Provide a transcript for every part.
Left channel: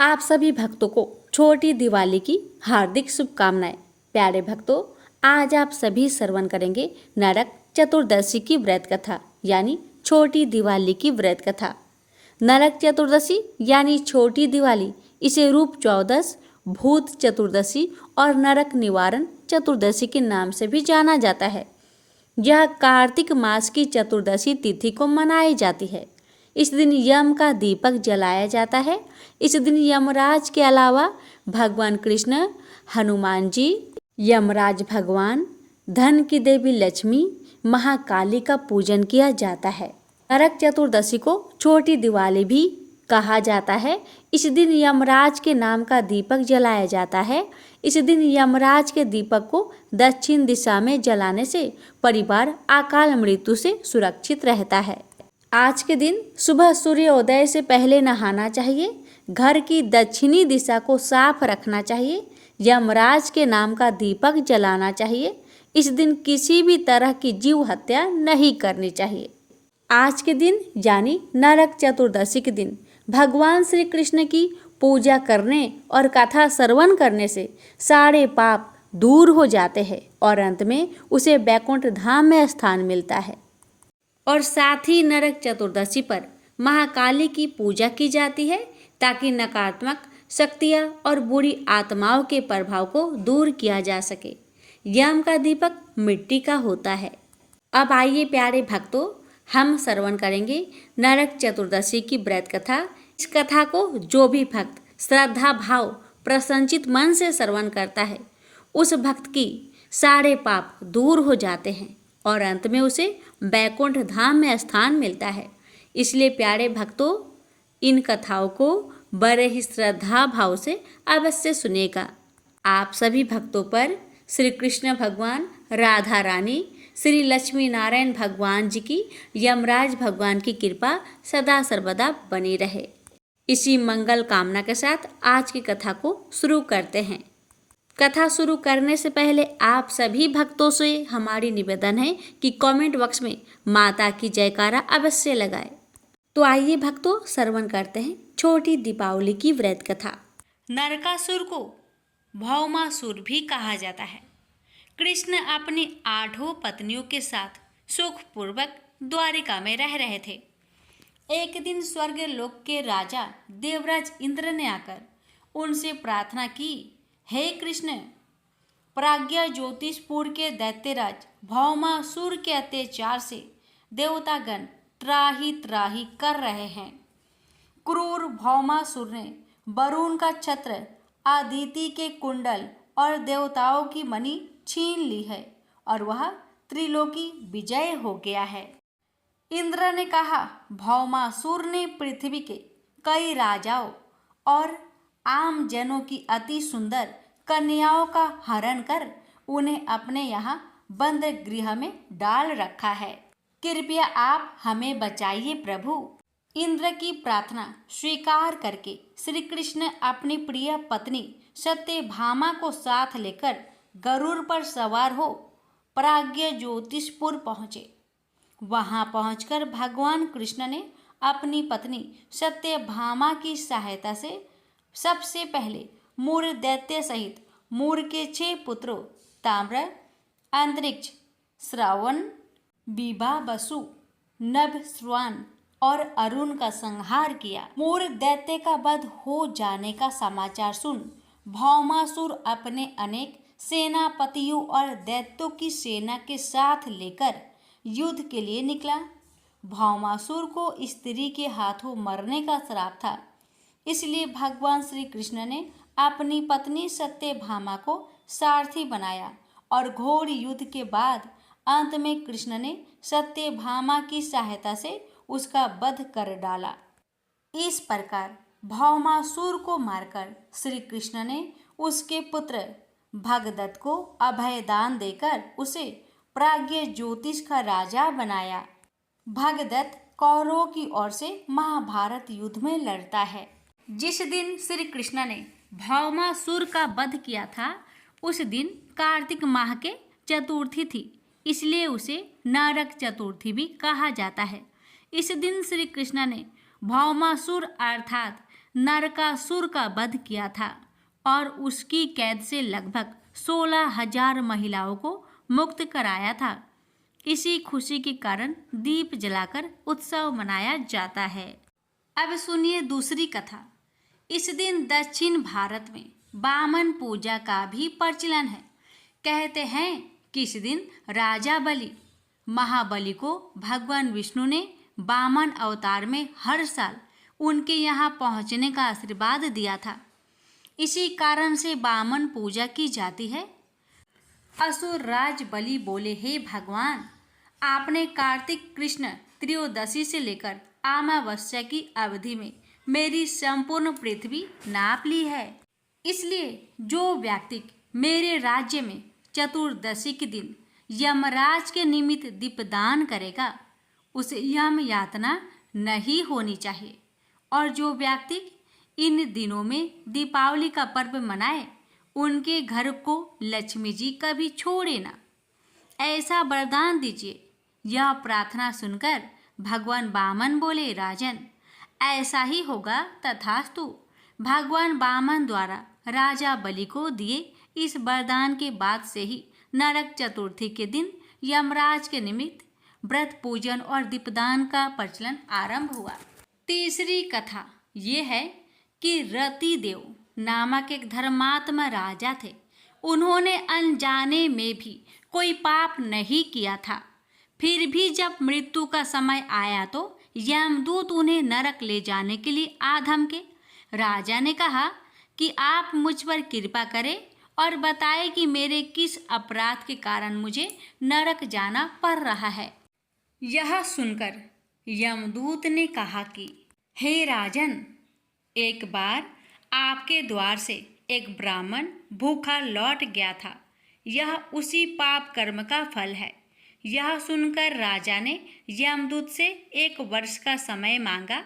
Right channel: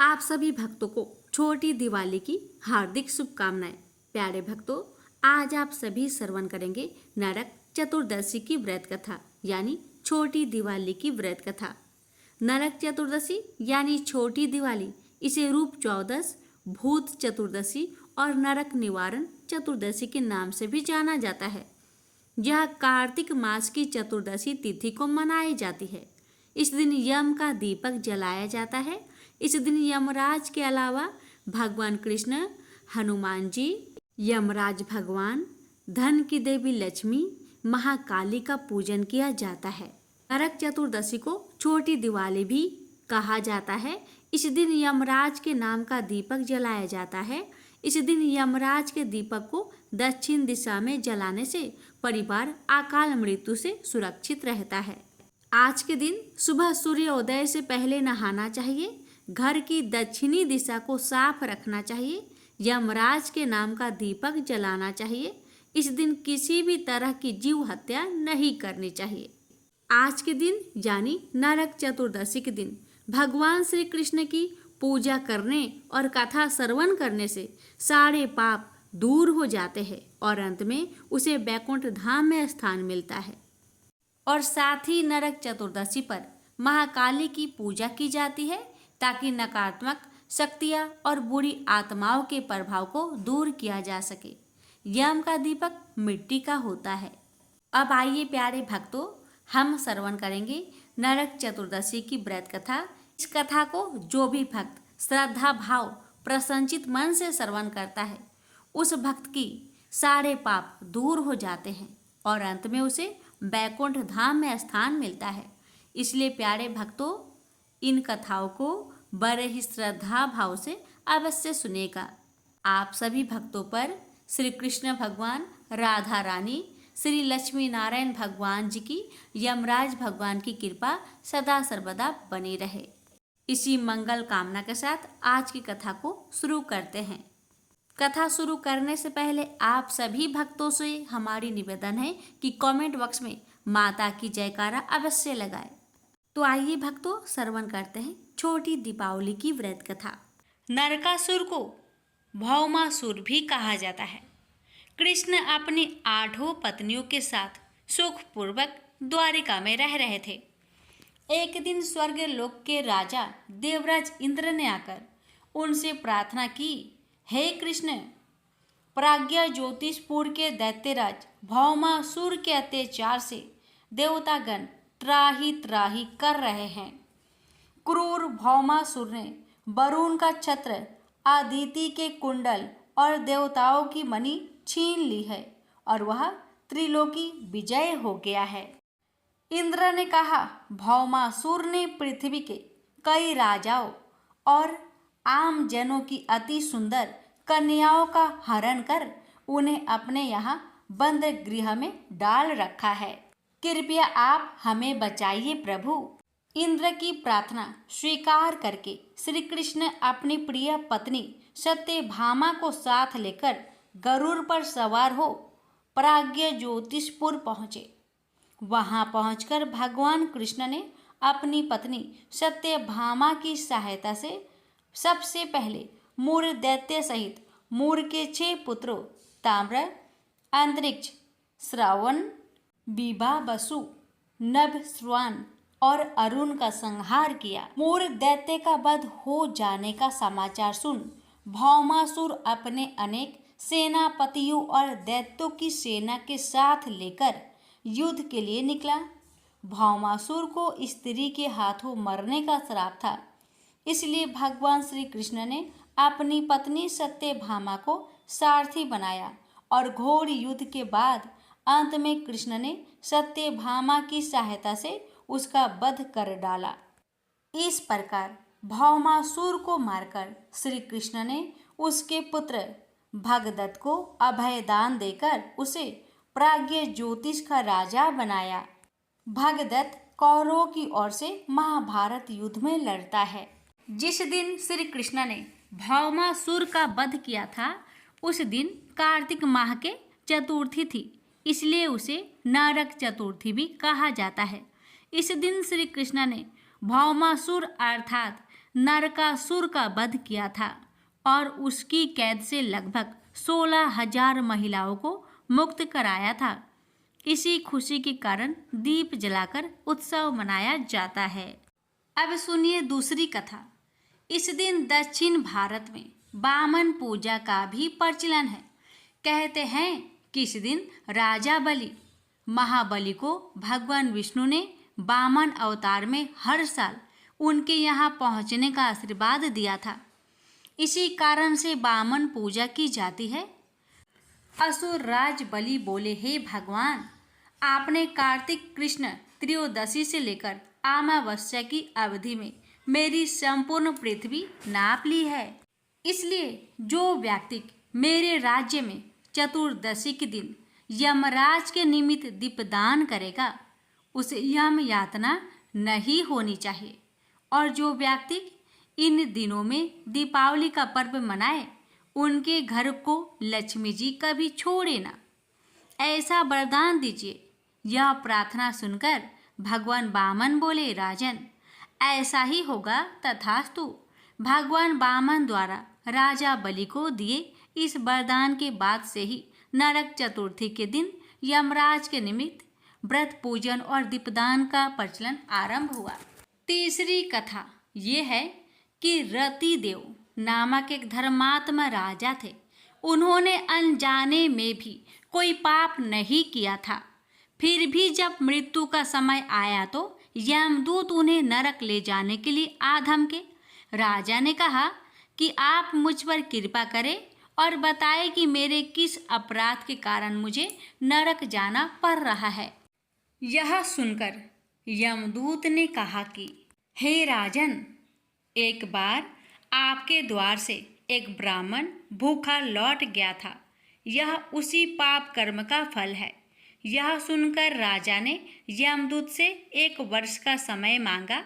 आप सभी भक्तों को छोटी दिवाली की हार्दिक शुभकामनाएं। प्यारे भक्तों, आज आप सभी श्रवण करेंगे नरक चतुर्दशी की व्रत कथा यानी छोटी दिवाली की व्रत कथा। नरक चतुर्दशी यानी छोटी दिवाली, इसे रूप चौदस, भूत चतुर्दशी और नरक निवारण चतुर्दशी के नाम से भी जाना जाता है। यह कार्तिक मास की चतुर्दशी तिथि को मनाई जाती है। इस दिन यम का दीपक जलाया जाता है। इस दिन यमराज के अलावा भगवान कृष्ण, हनुमान जी, यमराज भगवान, धन की देवी लक्ष्मी, महाकाली का पूजन किया जाता है। नरक चतुर्दशी को छोटी दिवाली भी कहा जाता है। इस दिन यमराज के नाम का दीपक जलाया जाता है। इस दिन यमराज के दीपक को दक्षिण दिशा में जलाने से परिवार अकाल मृत्यु से सुरक्षित रहता है। आज के दिन सुबह सूर्योदय से पहले नहाना चाहिए। घर की दक्षिणी दिशा को साफ रखना चाहिए। यमराज के नाम का दीपक जलाना चाहिए। इस दिन किसी भी तरह की जीव हत्या नहीं करनी चाहिए। आज के दिन यानी नरक चतुर्दशी के दिन भगवान श्री कृष्ण की पूजा करने और कथा श्रवण करने से सारे पाप दूर हो जाते हैं और अंत में उसे बैकुंठ धाम में स्थान मिलता है। और साथ ही नरक चतुर्दशी पर महाकाली की पूजा की जाती है ताकि नकारात्मक शक्तियाँ और बुरी आत्माओं के प्रभाव को दूर किया जा सके। यम का दीपक मिट्टी का होता है। अब आइए प्यारे भक्तों, हम श्रवण करेंगे नरक चतुर्दशी की व्रत कथा। इस कथा को जो भी भक्त श्रद्धा भाव प्रसन्नचित मन से श्रवण करता है, उस भक्त की सारे पाप दूर हो जाते हैं और अंत में उसे बैकुंठ धाम में स्थान मिलता है। इसलिए प्यारे भक्तों, इन कथाओं को बड़े ही श्रद्धा भाव से अवश्य सुनेगा। आप सभी भक्तों पर श्री कृष्ण भगवान, राधा रानी, श्री लक्ष्मी नारायण भगवान जी की, यमराज भगवान की कृपा सदा सर्वदा बनी रहे। इसी मंगल कामना के साथ आज की कथा को शुरू करते हैं। कथा शुरू करने से पहले आप सभी भक्तों से हमारी निवेदन है कि कमेंट बॉक्स में माता की जयकारा अवश्य लगाएं। तो आइए भक्तों, श्रवण करते हैं छोटी दीपावली की व्रत कथा। नरकासुर को भौमासुर भी कहा जाता है। कृष्ण अपनी 8 पत्नियों के साथ सुखपूर्वक द्वारिका में रह रहे थे। एक दिन स्वर्ग लोक के राजा देवराज इंद्र ने आकर उनसे प्रार्थना की, हे कृष्ण, प्राज्ञा ज्योतिषपुर के दैत्यराज भौमासुर के अत्याचार से देवतागण त्राही त्राही कर रहे हैं। क्रूर भौमासुर ने वरुण का छत्र, अदिति के कुंडल और देवताओं की मणि छीन ली है और वह त्रिलोकी विजय हो गया है। इंद्र ने कहा, भौमासुर ने पृथ्वी के कई राजाओं और आम जनों की अति सुंदर कन्याओं का हरण कर उन्हें अपने यहाँ बंद गृह में डाल रखा है। कृपया आप हमें बचाइए प्रभु। इंद्र की प्रार्थना स्वीकार करके श्री कृष्ण अपनी प्रिय पत्नी सत्यभामा को साथ लेकर गरुड़ पर सवार हो प्राज्ञ ज्योतिषपुर पहुँचे। वहां पहुंचकर भगवान कृष्ण ने अपनी पत्नी सत्यभामा की सहायता से सबसे पहले मूर दैत्य सहित मूर के 6 पुत्रों ताम्र, अंतरिक्ष, श्रवण, बिभा, वसु, नभ, श्वान और अरुण का संहार किया। मूर दैत्य का वध हो जाने का समाचार सुन भौमासुर अपने अनेक सेनापतियों और दैत्यों की सेना के साथ लेकर युद्ध के लिए निकला। भौमासुर को स्त्री के हाथों मरने का श्राप था, इसलिए भगवान श्री कृष्ण ने अपनी पत्नी सत्यभामा को सारथी बनाया और घोर युद्ध के बाद अंत में कृष्ण ने सत्यभामा की सहायता से उसका वध कर डाला। इस प्रकार भौमासुर को मारकर श्री कृष्ण ने उसके पुत्र भगदत्त को अभयदान देकर उसे प्राज्ञ ज्योतिष का राजा बनाया। भगदत्त कौरवों की ओर से महाभारत युद्ध में लड़ता है। जिस दिन श्री कृष्ण ने भौमासुर का वध किया था, उस दिन कार्तिक माह के चतुर्थी थी, इसलिए उसे नरक चतुर्थी भी कहा जाता है। इस दिन श्री कृष्ण ने भौमासुर अर्थात नरकासुर का वध किया था और उसकी कैद से लगभग 16,000 महिलाओं को मुक्त कराया था। इसी खुशी के कारण दीप जलाकर उत्सव मनाया जाता है। अब सुनिए दूसरी कथा। इस दिन दक्षिण भारत में वामन पूजा का भी प्रचलन है। कहते हैं कि इस दिन राजा बलि महाबली को भगवान विष्णु ने वामन अवतार में हर साल उनके यहाँ पहुँचने का आशीर्वाद दिया था। इसी कारण से वामन पूजा की जाती है। असुर राज बलि बोले, हे भगवान, आपने कार्तिक कृष्ण त्रयोदशी से लेकर अमावस्या की अवधि में मेरी संपूर्ण पृथ्वी नाप ली है। इसलिए जो व्यक्ति मेरे राज्य में चतुर्दशी के दिन यमराज के निमित्त दीपदान करेगा उसे यम यातना नहीं होनी चाहिए। और जो व्यक्ति इन दिनों में दीपावली का पर्व मनाए उनके घर को लक्ष्मी जी कभी छोड़े ना, ऐसा वरदान दीजिए। यह प्रार्थना सुनकर भगवान वामन बोले, राजन, ऐसा ही होगा तथास्तु। भगवान वामन द्वारा राजा बलि को दिए इस वरदान के बाद से ही नरक चतुर्थी के दिन यमराज के निमित्त व्रत पूजन और दीपदान का प्रचलन आरंभ हुआ। तीसरी कथा ये है कि रतिदेव नामक एक धर्मात्मा राजा थे। उन्होंने अनजाने में भी कोई पाप नहीं किया था। फिर भी जब मृत्यु का समय आया तो यमदूत उन्हें नरक ले जाने के लिए आ धमके। राजा ने कहा कि आप मुझ पर कृपा करें और बताए कि मेरे किस अपराध के कारण मुझे नरक जाना पड़ रहा है। यह सुनकर यमदूत ने कहा कि हे राजन, एक बार आपके द्वार से एक ब्राह्मण भूखा लौट गया था। यह उसी पाप कर्म का फल है। यह सुनकर राजा ने यमदूत से 1 वर्ष का समय मांगा।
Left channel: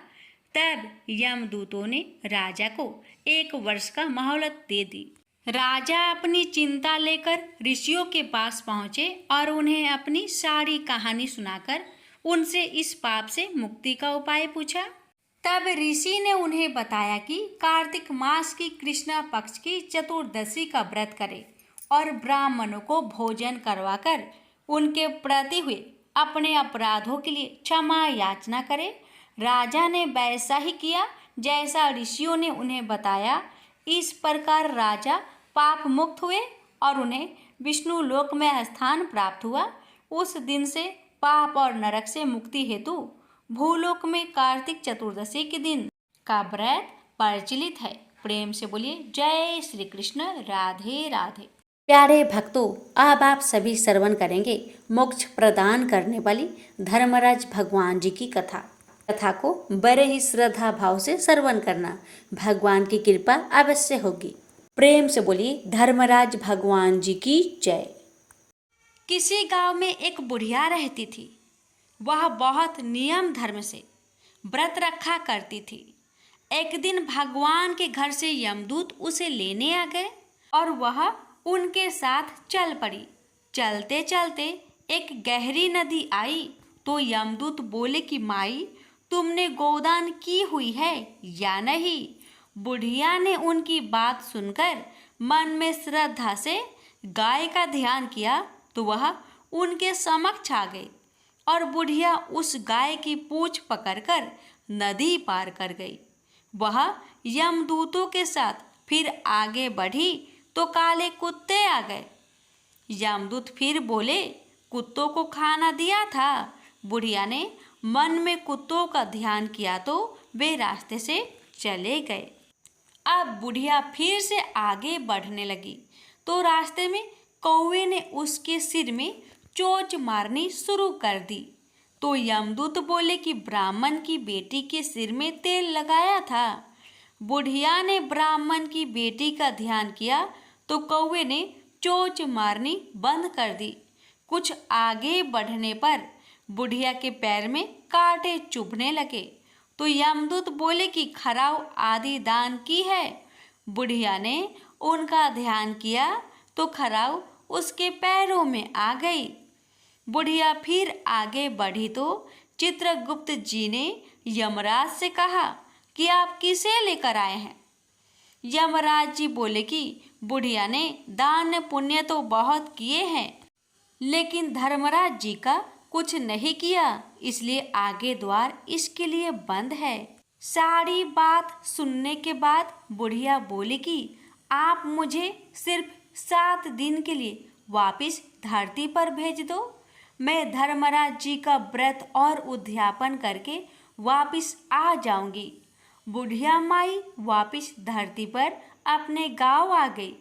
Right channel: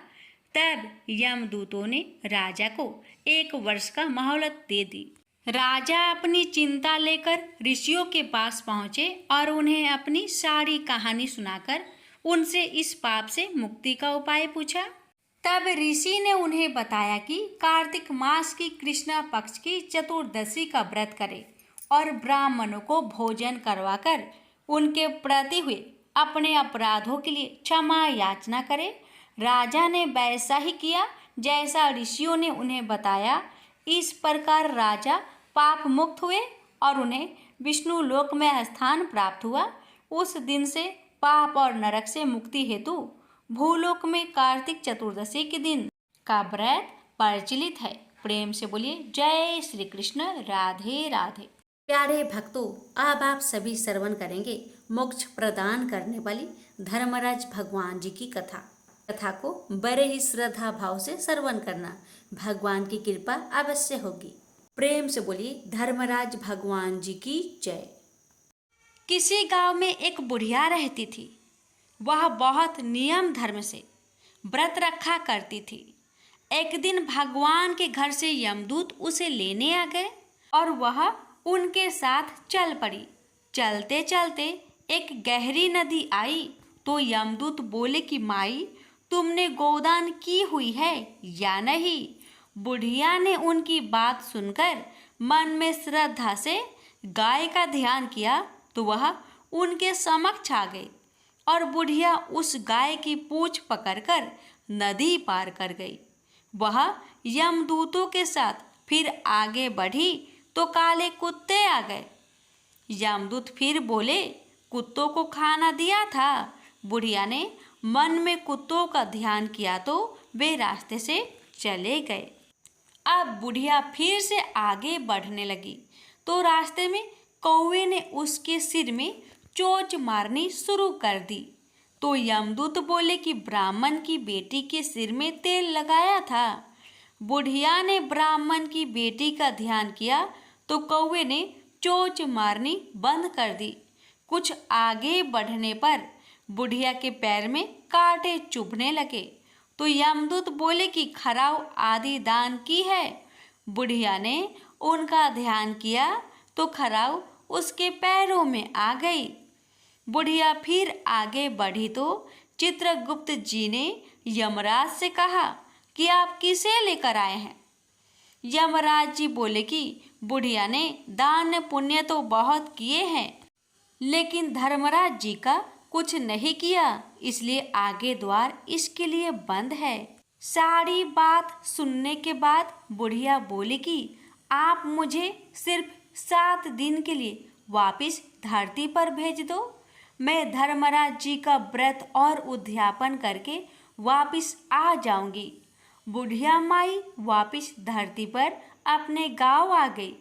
तब यमदूतों ने राजा को 1 वर्ष का मोहलत दे दी। राजा अपनी चिंता लेकर ऋषियों के पास पहुँचे और उन्हें अपनी सारी कहानी सुनाकर उनसे इस पाप से मुक्ति का उपाय पूछा। तब ऋषि ने उन्हें बताया कि कार्तिक मास की कृष्णा पक्ष की चतुर्दशी का व्रत करें और ब्राह्मणों को भोजन करवाकर उनके प्रति हुए अपने अपराधों के लिए क्षमा याचना करें। राजा ने वैसा ही किया जैसा ऋषियों ने उन्हें बताया। इस प्रकार राजा पाप मुक्त हुए और उन्हें विष्णु लोक में स्थान प्राप्त हुआ। उस दिन से पाप और नरक से मुक्ति हेतु भूलोक में कार्तिक चतुर्दशी के दिन का व्रत प्रचलित है। प्रेम से बोलिए जय श्री कृष्ण, राधे राधे। प्यारे भक्तों, अब आप सभी श्रवण करेंगे मोक्ष प्रदान करने वाली धर्मराज भगवान जी की कथा को बड़े ही श्रद्धा भाव से श्रवण करना, भगवान की कृपा अवश्य होगी। प्रेम से बोलिए धर्मराज भगवान जी की जय। किसी गांव में एक बुढ़िया रहती थी। वह बहुत नियम धर्म से व्रत रखा करती थी। एक दिन भगवान के घर से यमदूत उसे लेने आ गए और वह उनके साथ चल पड़ी। चलते चलते एक गहरी नदी आई तो यमदूत बोले कि माई, तुमने गोदान की हुई है या नहीं? बुढ़िया ने उनकी बात सुनकर मन में श्रद्धा से गाय का ध्यान किया तो वह उनके समक्ष आ गई और बुढ़िया उस गाय की पूंछ पकड़कर नदी पार कर गई। वह यमदूतों के साथ फिर आगे बढ़ी तो काले कुत्ते आ गए। यमदूत फिर बोले, कुत्तों को खाना दिया था। बुढ़िया ने मन में कुत्तों का ध्यान किया तो वे रास्ते से चले गए। अब बुढ़िया फिर से आगे बढ़ने लगी तो रास्ते में कौवे ने उसके सिर में चोंच मारनी शुरू कर दी। तो यमदूत बोले कि ब्राह्मण की बेटी के सिर में तेल लगाया था। बुढ़िया ने ब्राह्मण की बेटी का ध्यान किया तो कौवे ने चोंच मारनी बंद कर दी। कुछ आगे बढ़ने पर बुढ़िया के पैर में कांटे चुभने लगे तो यमदूत बोले कि खराव आदि दान की है। बुढ़िया ने उनका ध्यान किया तो खराव उसके पैरों में आ गई। बुढ़िया फिर आगे बढ़ी तो चित्रगुप्त जी ने यमराज से कहा कि आप किसे लेकर आए हैं। यमराज जी बोले कि बुढ़िया ने दान पुण्य तो बहुत किए हैं, लेकिन धर्मराज जी का कुछ नहीं किया, इसलिए आगे द्वार इसके लिए बंद है। सारी बात सुनने के बाद बुढ़िया बोली कि आप मुझे सिर्फ 7 दिन के लिए वापस धरती पर भेज दो। मैं धर्मराज जी का व्रत और उद्यापन करके वापस आ जाऊंगी। बुढ़िया माई वापस धरती पर अपने गांव आ गई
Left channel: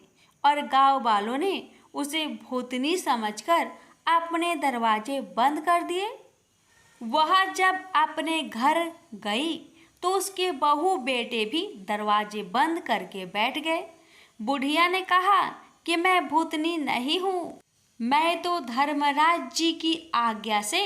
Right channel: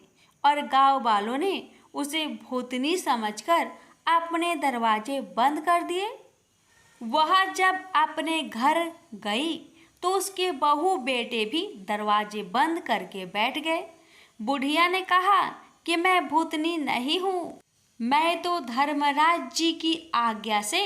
और गांव वालों ने उसे भूतनी समझकर अपने दरवाजे बंद कर दिए। वह जब अपने घर गई तो उसके बहू बेटे भी दरवाजे बंद करके बैठ गए। बुढ़िया ने कहा कि मैं भूतनी नहीं हूँ, मैं तो धर्मराज जी की आज्ञा से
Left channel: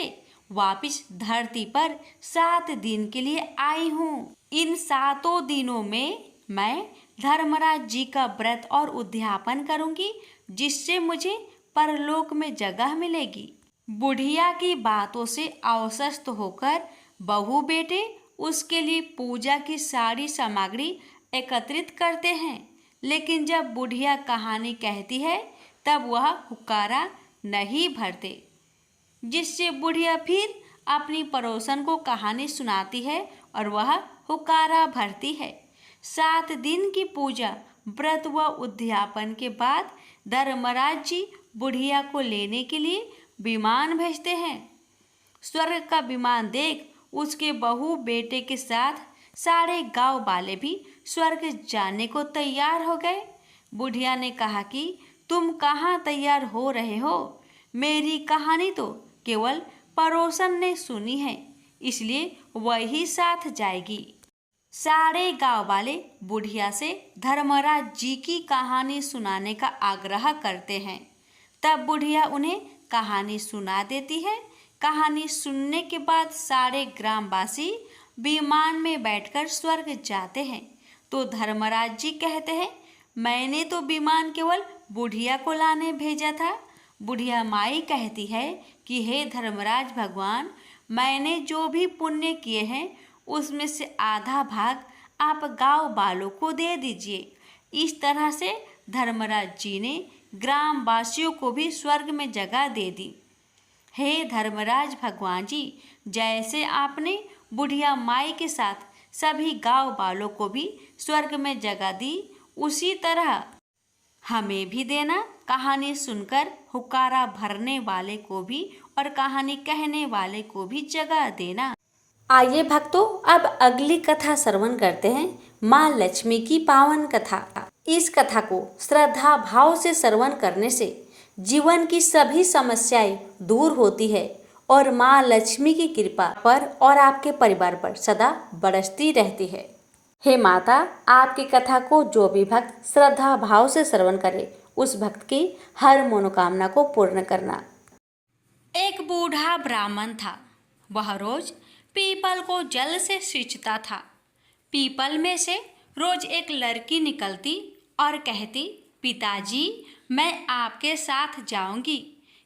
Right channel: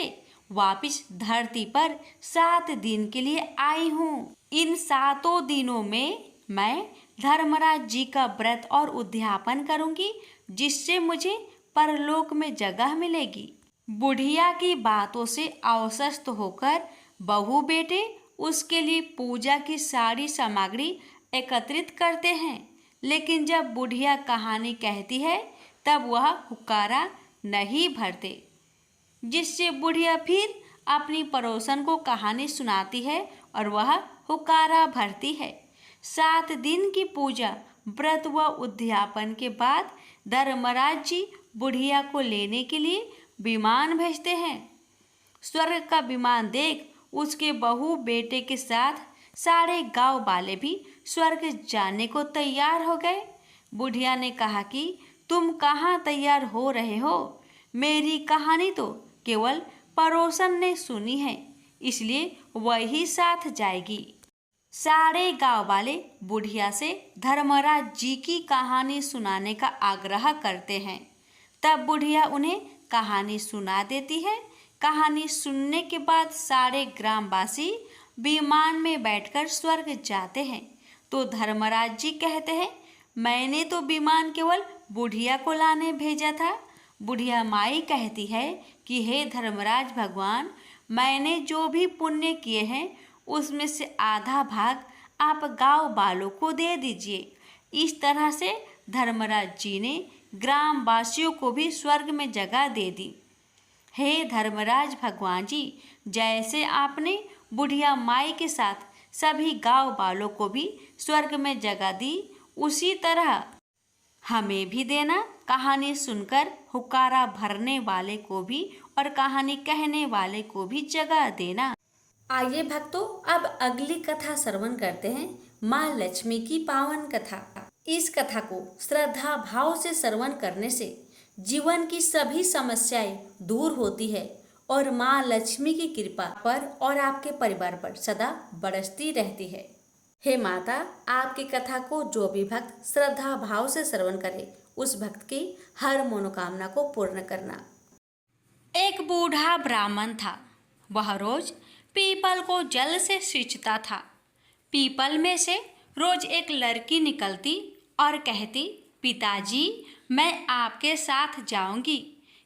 वापस धरती पर 7 दिन के लिए आई हूँ। इन 7 दिनों में मैं धर्मराज जी का व्रत और उद्यापन करूंगी, जिससे मुझे परलोक में जगह मिलेगी। बुढ़िया की बातों से आश्वस्त होकर बहू बेटे उसके लिए पूजा की सारी सामग्री एकत्रित करते हैं, लेकिन जब बुढ़िया कहानी कहती है तब वह हुक्कारा नहीं भरते, जिससे बुढ़िया फिर अपनी पड़ोसन को कहानी सुनाती है और वह हुक्कारा भरती है। 7 दिन की पूजा व्रत व उद्यापन के बाद धर्मराज जी बुढ़िया को लेने के लिए विमान भेजते हैं। स्वर्ग का विमान देख उसके बहू बेटे के साथ सारे गांव वाले भी स्वर्ग जाने को तैयार हो गए। बुढ़िया ने कहा कि तुम कहाँ तैयार हो रहे हो? मेरी कहानी तो केवल पड़ोसन ने सुनी है, इसलिए वही साथ जाएगी। सारे गांव वाले बुढ़िया से धर्मराज जी की कहानी सुनाने का आग्रह करते हैं। तब बुढ़िया उन्हें कहानी सुना देती है। कहानी सुनने के बाद सारे ग्रामवासी विमान में बैठकर स्वर्ग जाते हैं। तो धर्मराज जी कहते हैं, मैंने तो विमान केवल बुढ़िया को लाने भेजा था। बुढ़िया माई कहती है कि हे धर्मराज भगवान, मैंने जो भी पुण्य किए हैं उसमें से आधा भाग आप गांव वालों को दे दीजिए। इस तरह से धर्मराज जी ने ग्रामवासियों को भी स्वर्ग में जगह दे दी। हे धर्मराज भगवान जी, जैसे आपने बुढ़िया माई के साथ सभी गांव वालों को भी स्वर्ग में जगह दी, उसी तरह हमें भी देना। कहानी सुनकर हुक्कारा भरने वाले को भी और कहानी कहने वाले को भी जगह देना। आइए भक्तों, अब अगली कथा श्रवण करते हैं, माँ लक्ष्मी की पावन कथा। इस कथा को श्रद्धा भाव से श्रवण करने से जीवन की सभी समस्याएं दूर होती है और माँ लक्ष्मी की कृपा पर और आपके परिवार पर सदा बरसती रहती है। हे माता, आपकी कथा को जो भी भक्त श्रद्धा भाव से श्रवण करे, उस भक्त की हर मनोकामना को पूर्ण करना। एक बूढ़ा ब्राह्मण था। वह रोज पीपल को जल से सींचता था। पीपल में से रोज एक लड़की निकलती और कहती, पिताजी, मैं आपके साथ जाऊंगी।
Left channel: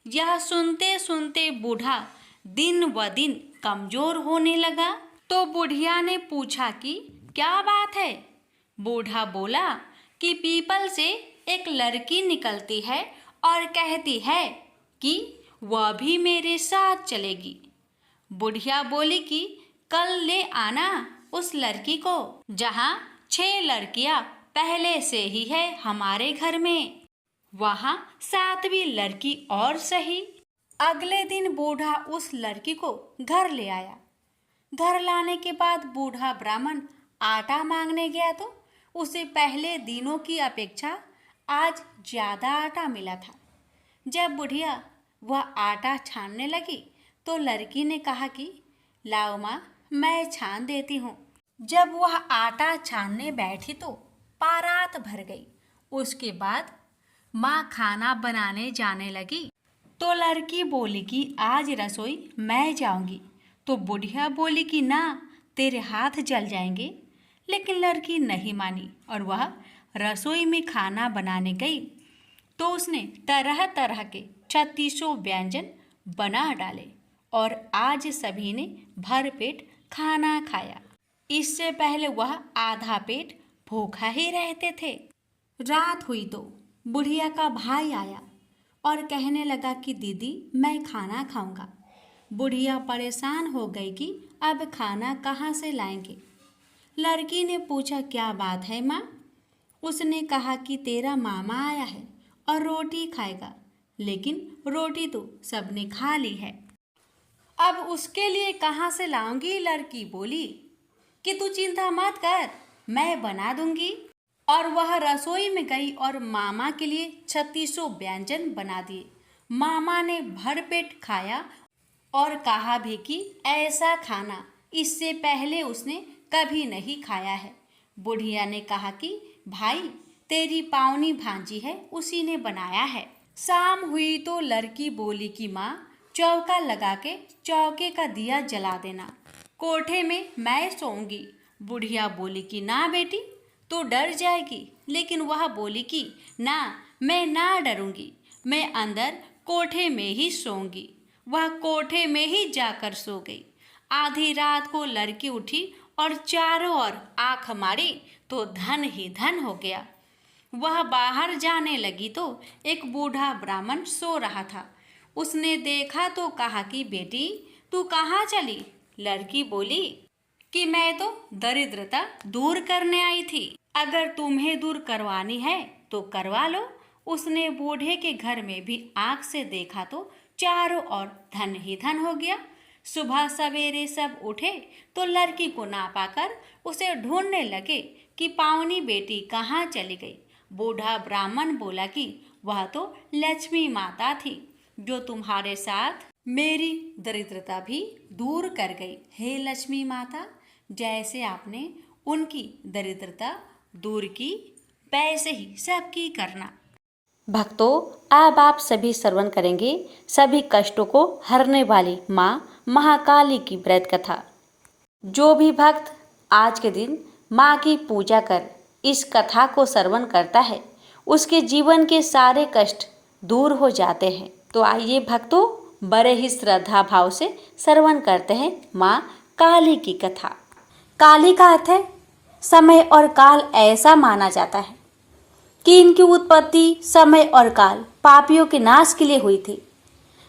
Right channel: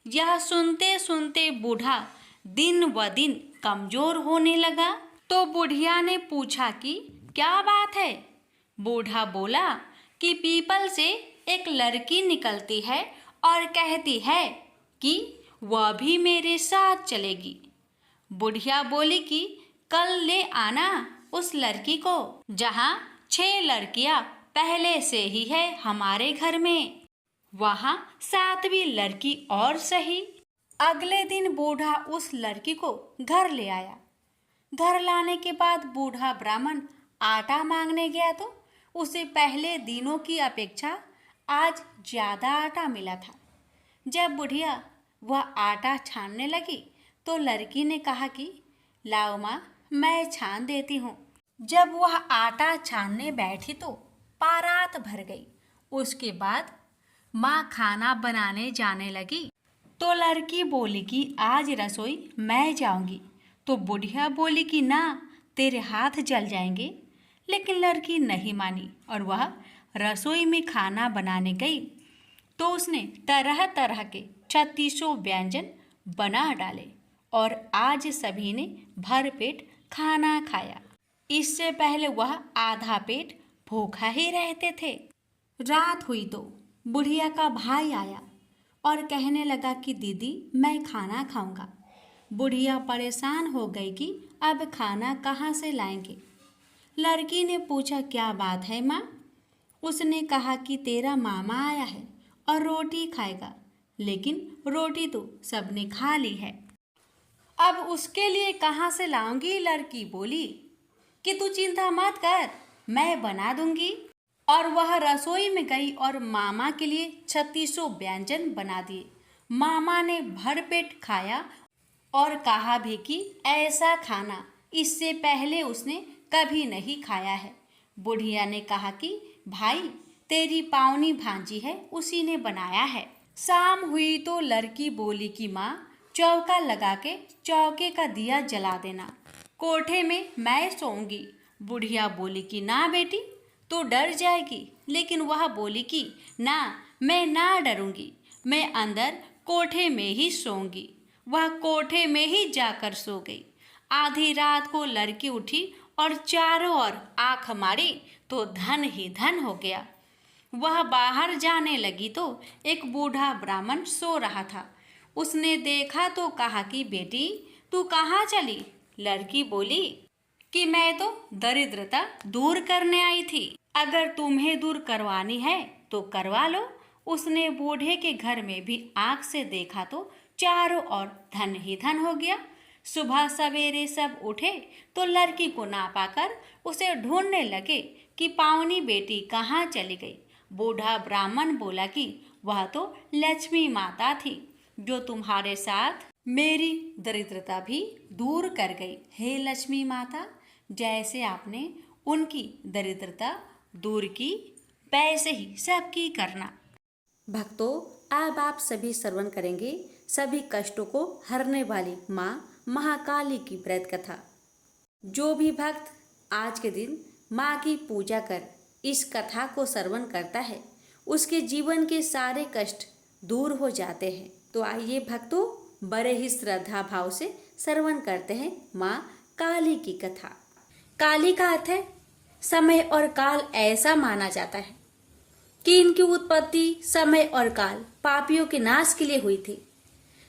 यह सुनते सुनते बूढ़ा दिन व दिन कमजोर होने लगा। तो बुढ़िया ने पूछा कि क्या बात है? बूढ़ा बोला कि पीपल से एक लड़की निकलती है और कहती है कि वह भी मेरे साथ चलेगी। बुढ़िया बोली कि कल ले आना उस लड़की को। जहाँ 6 लड़कियां पहले से ही है हमारे घर में, वहाँ 7वीं लड़की और सही। अगले दिन बूढ़ा उस लड़की को घर ले आया। घर लाने के बाद बूढ़ा ब्राह्मण आटा मांगने गया तो उसे पहले दिनों की अपेक्षा आज ज्यादा आटा मिला था। जब बुढ़िया वह आटा छानने लगी तो लड़की ने कहा कि लाओ माँ, मैं छान देती हूँ। जब वह आटा छानने बैठी तो पारात भर गई। उसके बाद माँ खाना बनाने जाने लगी तो लड़की बोली कि आज रसोई मैं जाऊंगी। तो बुढ़िया बोली कि ना, तेरे हाथ जल जाएंगे। लेकिन लड़की नहीं मानी और वह रसोई में खाना बनाने गई तो उसने तरह तरह के 36 व्यंजन बना डाले और आज सभी ने भरपेट खाना खाया। इससे पहले वह आधा पेट भूखा ही रहते थे। रात हुई तो बुढ़िया का भाई आया और कहने लगा कि दीदी मैं खाना खाऊंगा। बुढ़िया परेशान हो गई कि अब खाना कहाँ से लाएंगे। लड़की ने पूछा क्या बात है माँ। उसने कहा कि तेरा मामा आया है और रोटी खाएगा, लेकिन रोटी तो सबने खा ली है। अब उसके लिए कहाँ से लाऊंगी। लड़की बोली कि तू चिंता मत कर, मैं बना दूंगी। और वह रसोई में गई और मामा के लिए 3600 व्यंजन बना दिए। मामा ने भरपेट खाया और कहा भी कि ऐसा खाना इससे पहले उसने कभी नहीं खाया है। बुढ़िया ने कहा कि भाई तेरी पावनी भांजी है, उसी ने बनाया है। शाम हुई तो लड़की बोली कि माँ चौका लगा के चौके का दिया जला देना, कोठे में मैं सोऊंगी। बुढ़िया बोली कि ना बेटी तू डर जाएगी, लेकिन वह बोली कि ना मैं ना डरूंगी, मैं अंदर कोठे में ही सोऊंगी। वह कोठे में ही जाकर सो गई। आधी रात को लड़की उठी और चारों ओर आंख मारी तो धन ही धन हो गया। वह बाहर जाने लगी तो एक बूढ़ा ब्राह्मण सो रहा था। उसने देखा तो कहा कि बेटी तू कहाँ चली। लड़की बोली कि मैं तो दरिद्रता दूर करने आई थी, अगर तुम्हें दूर करवानी है तो करवा लो। उसने बूढ़े के घर में भी आंख से देखा तो चारों ओर धन ही धन हो गया। सुबह सवेरे सब उठे तो लड़की को ना पाकर उसे ढूंढने लगे कि पावनी बेटी कहाँ चली गई। बूढ़ा ब्राह्मण बोला कि वह तो लक्ष्मी माता थी, जो तुम्हारे साथ मेरी दरिद्रता भी दूर कर गई। हे लक्ष्मी माता, जैसे आपने उनकी दरिद्रता दूर की, वैसे ही सबकी करना। भक्तों, अब आप सभी श्रवण करेंगे सभी कष्टों को हरने वाली माँ महाकाली की व्रत कथा। जो भी भक्त आज के दिन माँ की पूजा कर इस कथा को श्रवण करता है, उसके जीवन के सारे कष्ट दूर हो जाते हैं। तो आइए भक्तों, बड़े ही श्रद्धा भाव से श्रवण करते हैं माँ काली की कथा। काली का अर्थ है समय और काल। ऐसा माना जाता है कि इनकी उत्पत्ति समय और काल पापियों के नाश के लिए हुई थी।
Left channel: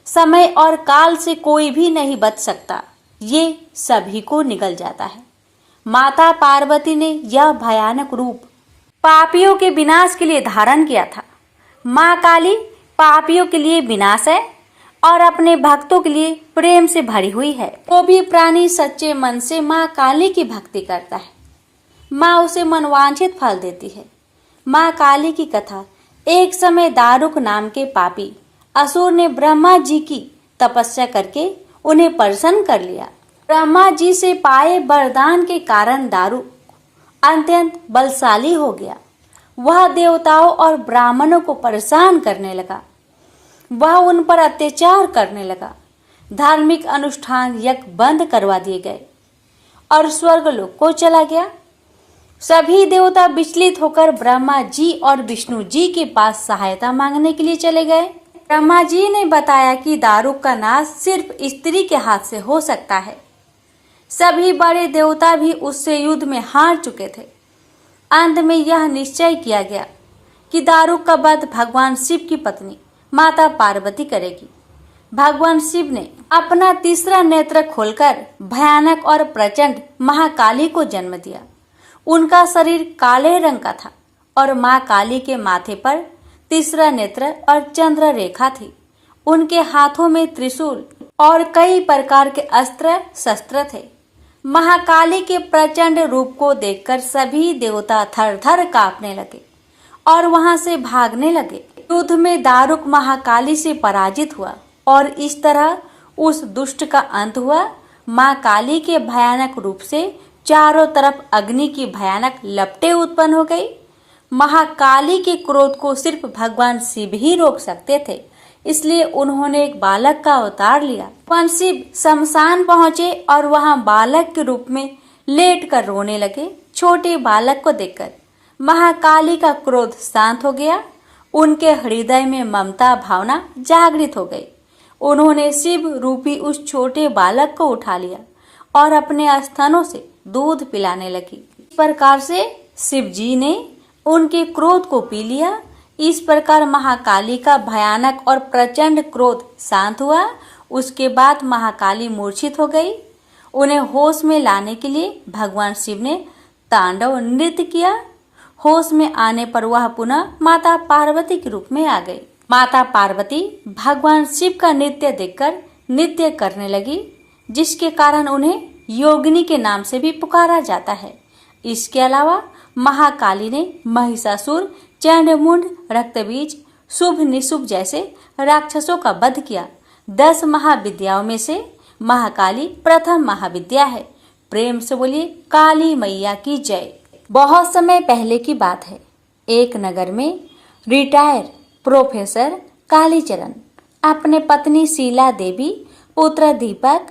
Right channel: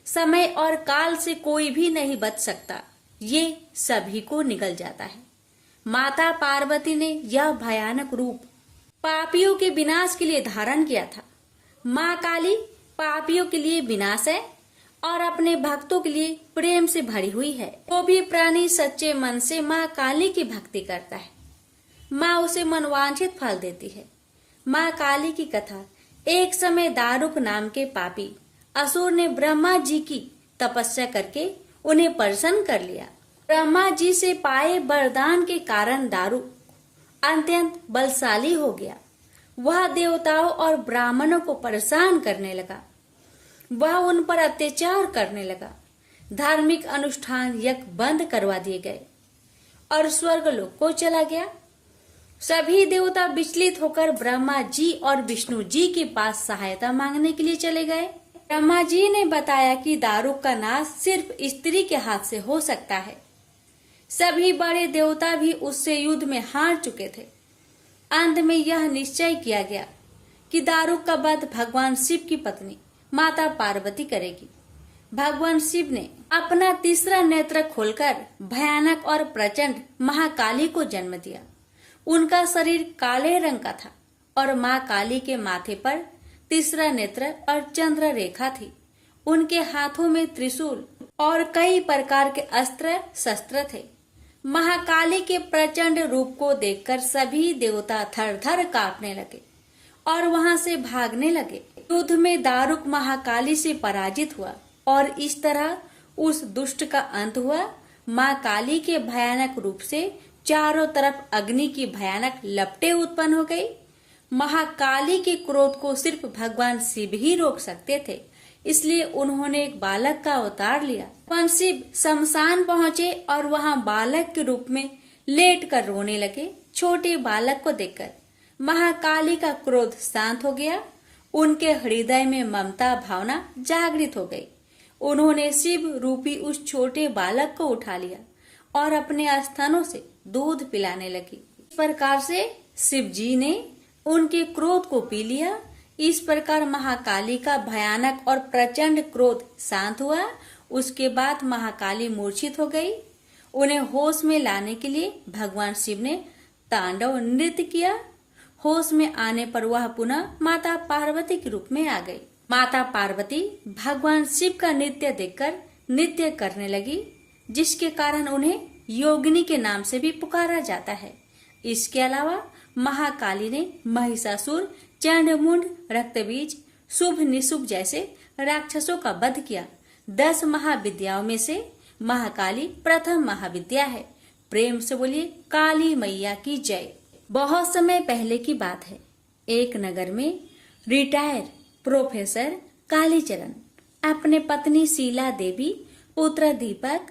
समय और काल से कोई भी नहीं बच सकता, ये सभी को निगल जाता है। माता पार्वती ने यह भयानक रूप पापियों के विनाश के लिए धारण किया था। माँ काली पापियों के लिए विनाश है और अपने भक्तों के लिए प्रेम से भरी हुई है। वो भी प्राणी सच्चे मन से माँ काली की भक्ति करता है, माँ उसे मनवांछित फल देती है। माँ काली की कथा। एक समय दारुक नाम के पापी असुर ने ब्रह्मा जी की तपस्या करके उन्हें प्रसन्न कर लिया। ब्रह्मा जी से पाए वरदान के कारण दारुक अत्यंत बलशाली हो गया। वह देवताओं और ब्राह्मणों को परेशान करने लगा। वह उन पर अत्याचार करने लगा। धार्मिक अनुष्ठान यज्ञ बंद करवा दिए गए और स्वर्गलोक को चला गया। सभी देवता विचलित होकर ब्रह्मा जी और विष्णु जी के पास सहायता मांगने के लिए चले गए। ब्रह्मा जी ने बताया कि दारुक का नाश सिर्फ स्त्री के हाथ से हो सकता है। सभी बड़े देवता भी उससे युद्ध में हार चुके थे। अंत में यह निश्चय किया गया कि दारुक का वध भगवान शिव की पत्नी माता पार्वती करेगी। भगवान शिव ने अपना तीसरा नेत्र खोलकर भयानक और प्रचंड महाकाली को जन्म दिया। उनका शरीर काले रंग का था और माँ काली के माथे पर तीसरा नेत्र और चंद्र रेखा थी। उनके हाथों में त्रिशूल और कई प्रकार के अस्त्र शस्त्र थे। महाकाली के प्रचंड रूप को देखकर सभी देवता थर थर कांपने लगे और वहां से भागने लगे। युद्ध में दारुक महाकाली से पराजित हुआ और इस तरह उस दुष्ट का अंत हुआ। माँ काली के भयानक रूप से चारों तरफ अग्नि की भयानक लपटें उत्पन्न हो गई। महाकाली के क्रोध को सिर्फ भगवान शिव ही रोक सकते थे, इसलिए उन्होंने एक बालक का अवतार लिया। भगवान शिव शमशान पहुंचे और वहां बालक के रूप में लेट कर रोने लगे। छोटे बालक को देखकर महाकाली का क्रोध शांत हो गया। उनके हृदय में ममता भावना जागृत हो गई। उन्होंने शिव रूपी उस छोटे बालक को उठा लिया और अपने स्तनों से दूध पिलाने लगी। इस प्रकार से शिव जी ने उनके क्रोध को पी लिया। इस प्रकार महाकाली का भयानक और प्रचंड क्रोध शांत हुआ। उसके बाद महाकाली मूर्छित हो गई। उन्हें होश में लाने के लिए भगवान शिव ने तांडव नृत्य किया। होश में आने पर वह पुनः माता पार्वती के रूप में आ गई। माता पार्वती भगवान शिव का नृत्य देखकर नृत्य करने लगी, जिसके कारण उन्हें योगिनी के नाम से भी पुकारा जाता है। इसके अलावा महाकाली ने महिषासुर, चंडमुंड, रक्तबीज, शुभ निशुभ जैसे राक्षसों का वध किया। 10 महाविद्याओं में से महाकाली प्रथम महाविद्या है। प्रेम से बोलिए काली मैया की जय। बहुत समय पहले की बात है। एक नगर में रिटायर प्रोफेसर कालीचरण अपने पत्नी शीला देवी, पुत्र दीपक,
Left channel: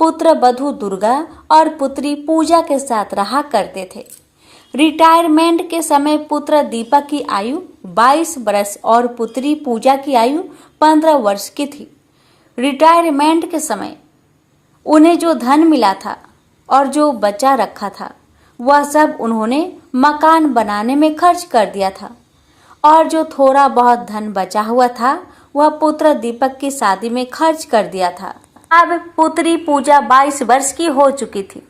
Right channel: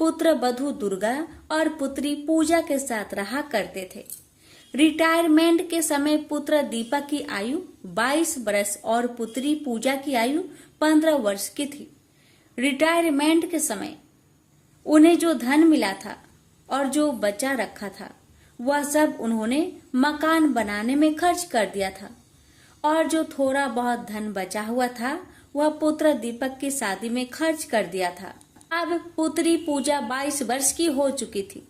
पुत्र बधू दुर्गा और पुत्री पूजा के साथ रहा करते थे। रिटायरमेंट के समय पुत्र दीपक की आयु 22 वर्ष और पुत्री पूजा की आयु 15 वर्ष की थी। रिटायरमेंट के समय उन्हें जो धन मिला था और जो बचा रखा था, वह सब उन्होंने मकान बनाने में खर्च कर दिया था, और जो थोड़ा बहुत धन बचा हुआ था वह पुत्र दीपक की शादी में खर्च कर दिया था। अब पुत्री पूजा 22 वर्ष की हो चुकी थी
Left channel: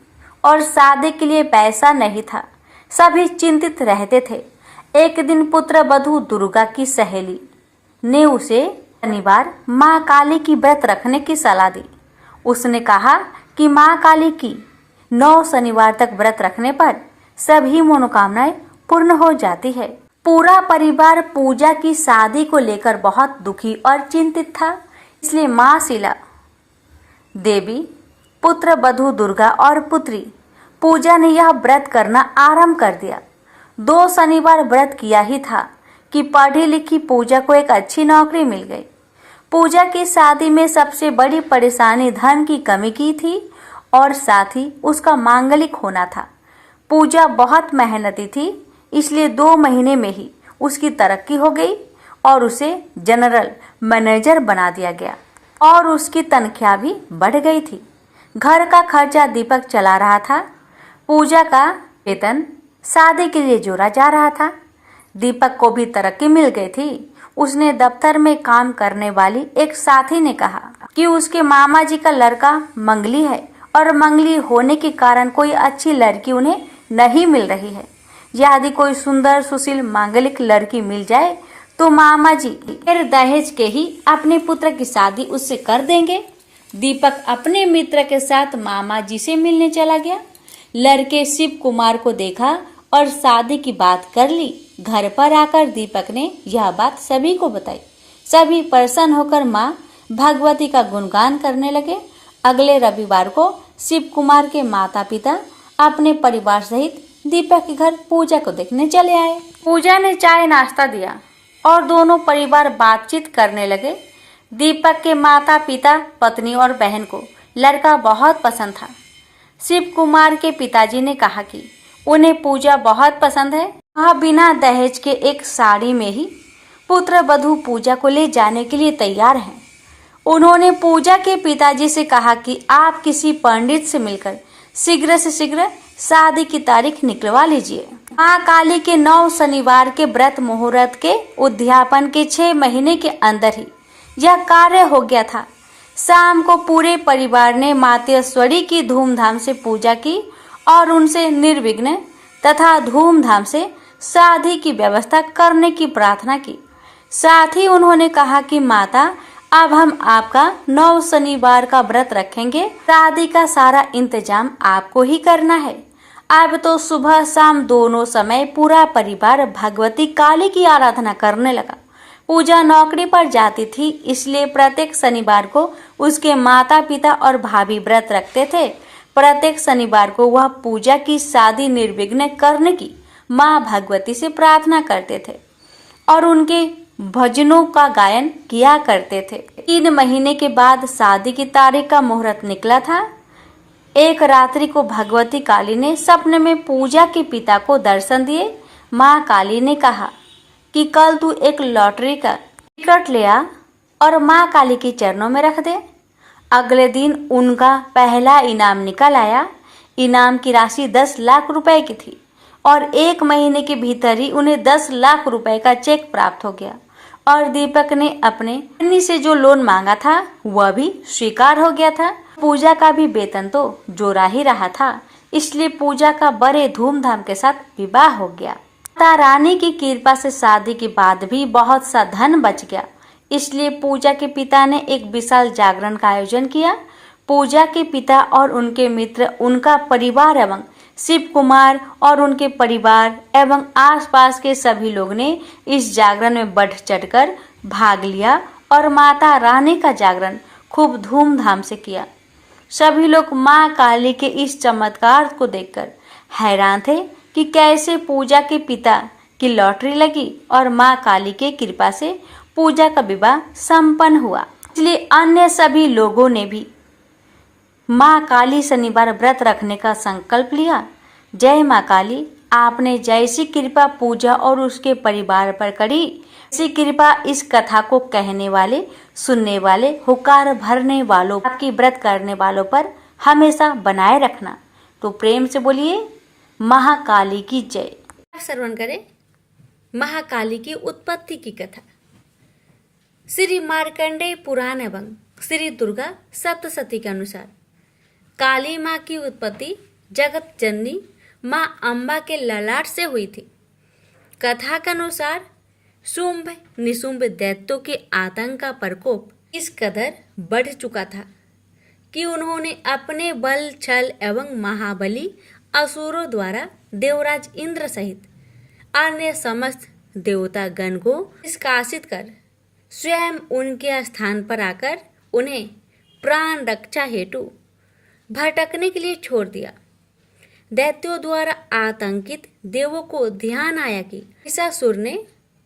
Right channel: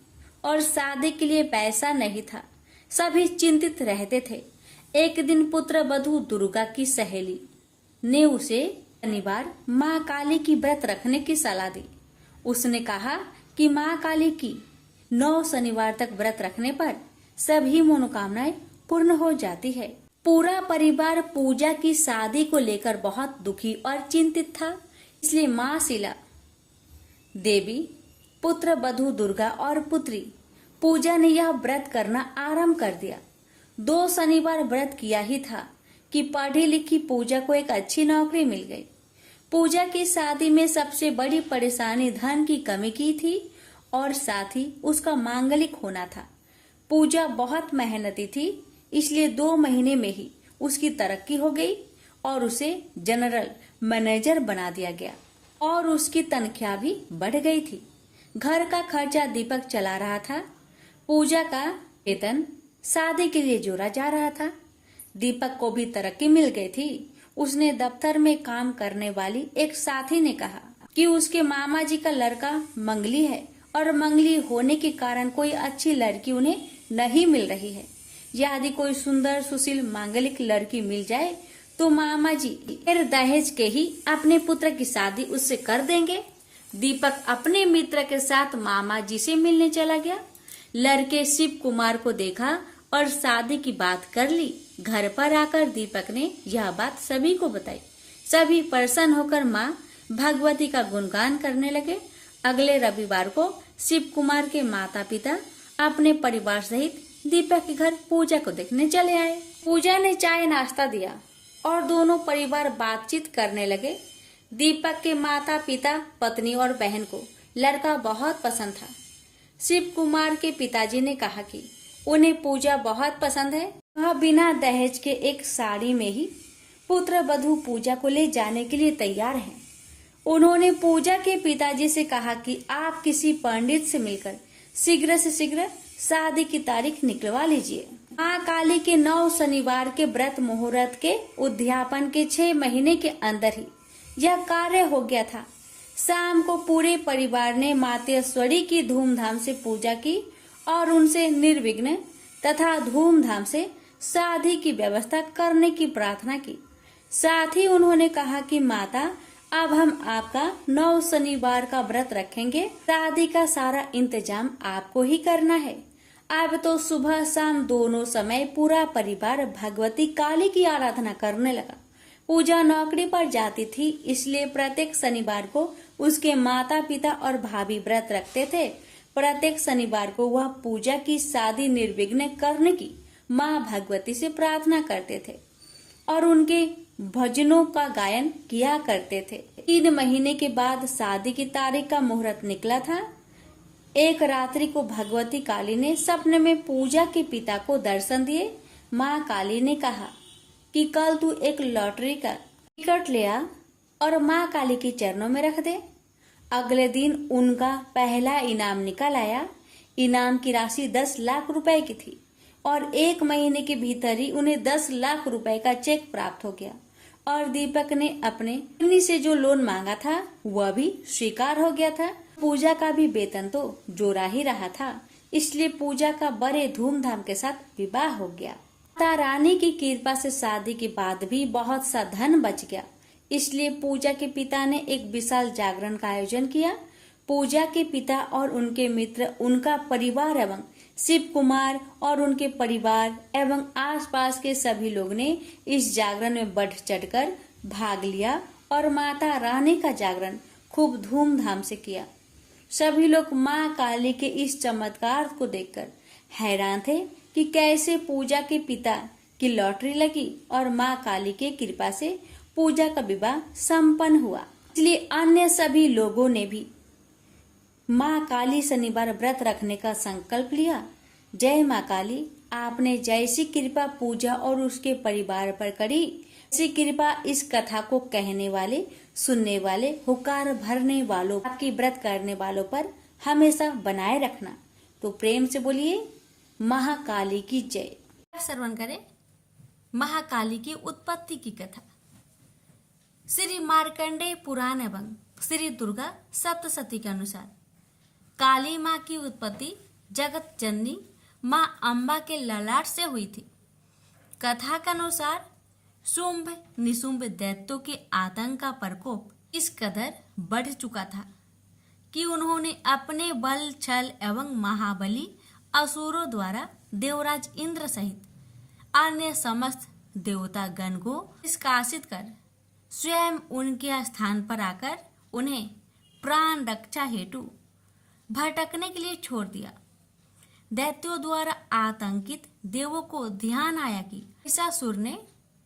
और शादी के लिए पैसा नहीं था। सभी चिंतित रहते थे। एक दिन पुत्र वधू दुर्गा की सहेली ने उसे शनिवार माँ काली की व्रत रखने की सलाह दी। उसने कहा कि माँ काली की 9 शनिवार तक व्रत रखने पर सभी मनोकामनाएं पूर्ण हो जाती है। पूरा परिवार पूजा की शादी को लेकर बहुत दुखी और चिंतित था। इसलिए माँ शीला देवी, पुत्र वधू दुर्गा और पुत्री पूजा ने यह व्रत करना आरंभ कर दिया। 2 शनिवार व्रत किया ही था कि पढ़ी लिखी पूजा को एक अच्छी नौकरी मिल गई। पूजा की शादी में सबसे बड़ी परेशानी धन की कमी की थी और साथ ही उसका मांगलिक होना था। पूजा बहुत मेहनती थी, इसलिए 2 महीने में ही उसकी तरक्की हो गई और उसे जनरल मैनेजर बना दिया गया और उसकी तनख्वाह भी बढ़ गई थी। घर का खर्चा दीपक चला रहा था। पूजा का वेतन शादी के लिए जोड़ा जा रहा था। दीपक को भी तरक्की मिल गई थी। उसने दफ्तर में काम करने वाली एक साथी ने कहा कि उसके मामा जी का लड़का मंगली है और मंगली होने के कारण कोई अच्छी लड़की उन्हें नहीं मिल रही है। यदि कोई सुंदर सुशील मांगलिक लड़की मिल जाए तो मामा जी फिर दहेज के ही अपने पुत्र की शादी उससे कर देंगे। दीपक अपने मित्र के साथ मामा जी से मिलने चला गया। लड़के शिव कुमार को देखा और शादी की बात कर ली। घर पर आकर दीपक ने यह बात सभी को बताई। सभी प्रसन्न होकर माँ भगवती का गुणगान करने लगे। अगले रविवार को शिव कुमार के माता पिता अपने परिवार सहित दीपक के घर पूजा को देखने चले आए। पूजा ने चाय नाश्ता दिया और दोनों परिवार बातचीत करने लगे। दीपक के माता पिता, पत्नी और बहन को लड़का बहुत पसंद था। शिव कुमार के पिताजी ने कहा कि उन्हें पूजा बहुत पसंद है। वह बिना दहेज के एक साड़ी में ही पुत्र वधू पूजा को ले जाने के लिए तैयार हैं। उन्होंने पूजा के पिताजी से कहा कि आप किसी पंडित से मिलकर शीघ्र से शीघ्र शादी की तारीख निकलवा लीजिए। माँ काली के 9 शनिवार के व्रत मुहूर्त के उद्यापन के 6 महीने के अंदर ही यह कार्य हो गया था। शाम को पूरे परिवार ने मातेश्वरी की धूमधाम से पूजा की और उनसे निर्विघ्न तथा धूमधाम से शादी की व्यवस्था करने की प्रार्थना की। साथ ही उन्होंने कहा कि माता, अब हम आपका 9 शनिवार का व्रत रखेंगे। शादी का सारा इंतजाम आपको ही करना है। अब तो सुबह शाम दोनों समय पूरा परिवार भगवती काली की आराधना करने लगा। पूजा नौकरी पर जाती थी, इसलिए प्रत्येक शनिवार को उसके माता पिता और भाभी व्रत रखते थे। प्रत्येक शनिवार को वह पूजा की शादी निर्विघ्न करने की माँ भगवती से प्रार्थना करते थे और उनके भजनों का गायन किया करते थे। 3 महीने के बाद शादी की तारीख का मुहूर्त निकला था। एक रात्रि को भगवती काली ने सपने में पूजा के पिता को दर्शन दिए। माँ काली ने कहा कि कल तू एक लॉटरी का टिकट ले आ और माँ काली के चरणों में रख दे। अगले दिन उनका पहला इनाम निकल आया। इनाम की राशि 10 लाख रुपए की थी और 1 महीने के भीतर ही उन्हें 10 लाख रुपए का चेक प्राप्त हो गया और दीपक ने अपने पत्नी से जो लोन मांगा था वह भी स्वीकार हो गया था। पूजा का भी वेतन तो जोरा ही रहा था, इसलिए पूजा का बड़े धूमधाम के साथ विवाह हो गया। माता रानी की कृपा से शादी के बाद भी बहुत सा धन बच गया, इसलिए पूजा के पिता ने एक विशाल जागरण का आयोजन किया। पूजा के पिता और उनके मित्र, उनका परिवार एवं शिव कुमार और उनके परिवार एवं आसपास के सभी लोग ने इस जागरण में बढ़ चढ़कर भाग लिया और माता रानी का जागरण खूब धूमधाम से किया। सभी लोग माँ काली के इस चमत्कार को देखकर हैरान थे कि कैसे पूजा के पिता की लॉटरी लगी और माँ काली के कृपा से पूजा का विवाह संपन्न हुआ। इसलिए अन्य सभी लोगों ने भी माँ काली शनिवार व्रत रखने का संकल्प लिया। जय माँ काली, आपने जैसी कृपा पूजा और उसके परिवार पर करी, ऐसी कृपा इस कथा को कहने वाले, सुनने वाले, हुकार भरने वालों, आपकी व्रत करने वालों पर हमेशा बनाए रखना। तो प्रेम से बोलिए महाकाली की जय। श्रवण करें महाकाली की उत्पत्ति की कथा। श्री मार्कंडेय पुराण एवं श्री दुर्गा सप्तशती के अनुसार काली माँ की उत्पत्ति जगत जननी माँ अम्बा के ललाट से हुई थी। कथा के अनुसार शुंभ निशुंभ दैत्यों के आतंक का प्रकोप इस कदर बढ़ चुका था कि उन्होंने अपने बल छल एवं महाबली असुरों द्वारा देवराज इंद्र सहित अन्य समस्त देवता गण को निष्कासित कर स्वयं उनके स्थान पर आकर उन्हें प्राण रक्षा हेतु भटकने के लिए छोड़ दिया। दैत्यों द्वारा आतंकित देवों को ध्यान आया कि महिषासुर ने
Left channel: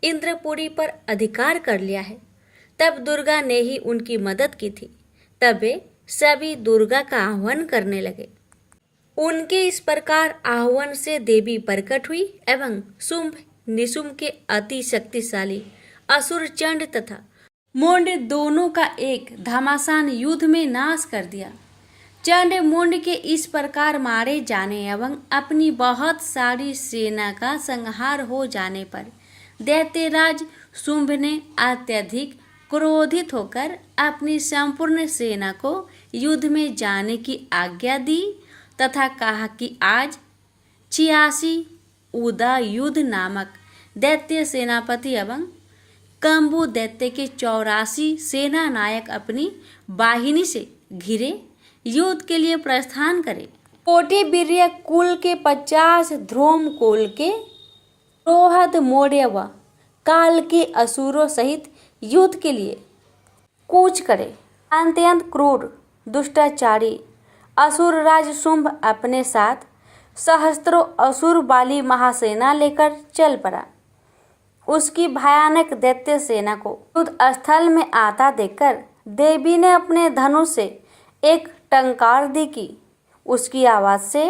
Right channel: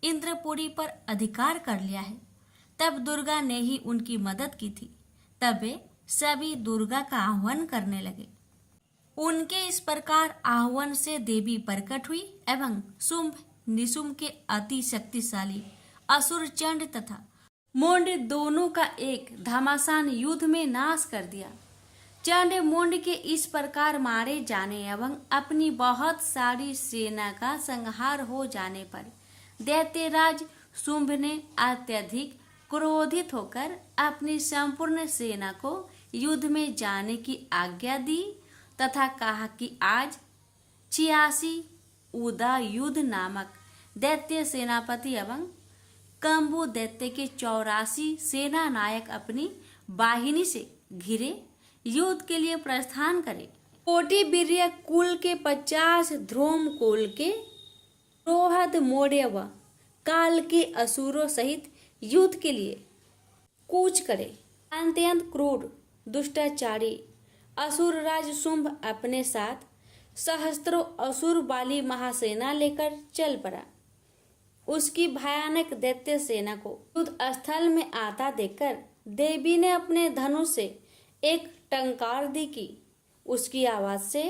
इंद्रपुरी पर अधिकार कर लिया है। तब दुर्गा ने ही उनकी मदद की थी। तब वे सभी दुर्गा का आह्वान करने लगे। उनके इस प्रकार आह्वान से देवी प्रकट हुई एवं शुंभ निशुंभ के अति शक्तिशाली असुर चंड तथा मुंड दोनों का एक घमासान युद्ध में नाश कर दिया। चंड मुंड के इस प्रकार मारे जाने एवं अपनी बहुत सारी सेना का संहार हो जाने पर दैत्यराज शुंभ ने अत्यधिक क्रोधित होकर अपनी संपूर्ण सेना को युद्ध में जाने की आज्ञा दी तथा कहा कि आज 86 उदा युद्ध नामक दैत्य सेनापति एवं कंबु दैत्य के 84 सेना नायक अपनी वाहिनी से घिरे युद्ध के लिए प्रस्थान करे। कोटे वीर्य कुल के 50 ध्रुम कुल के रोहद मौर्य व काल के असुरों सहित युद्ध के लिए कूच करे। अत्यंत क्रूर दुष्टाचारी असुर राज शुंभ अपने साथ सहस्त्रों असुर वाली महासेना लेकर चल पड़ा। उसकी भयानक दैत्य सेना को युद्ध स्थल में आता देखकर देवी ने अपने धनुष से एक टंकार दी कि उसकी आवाज से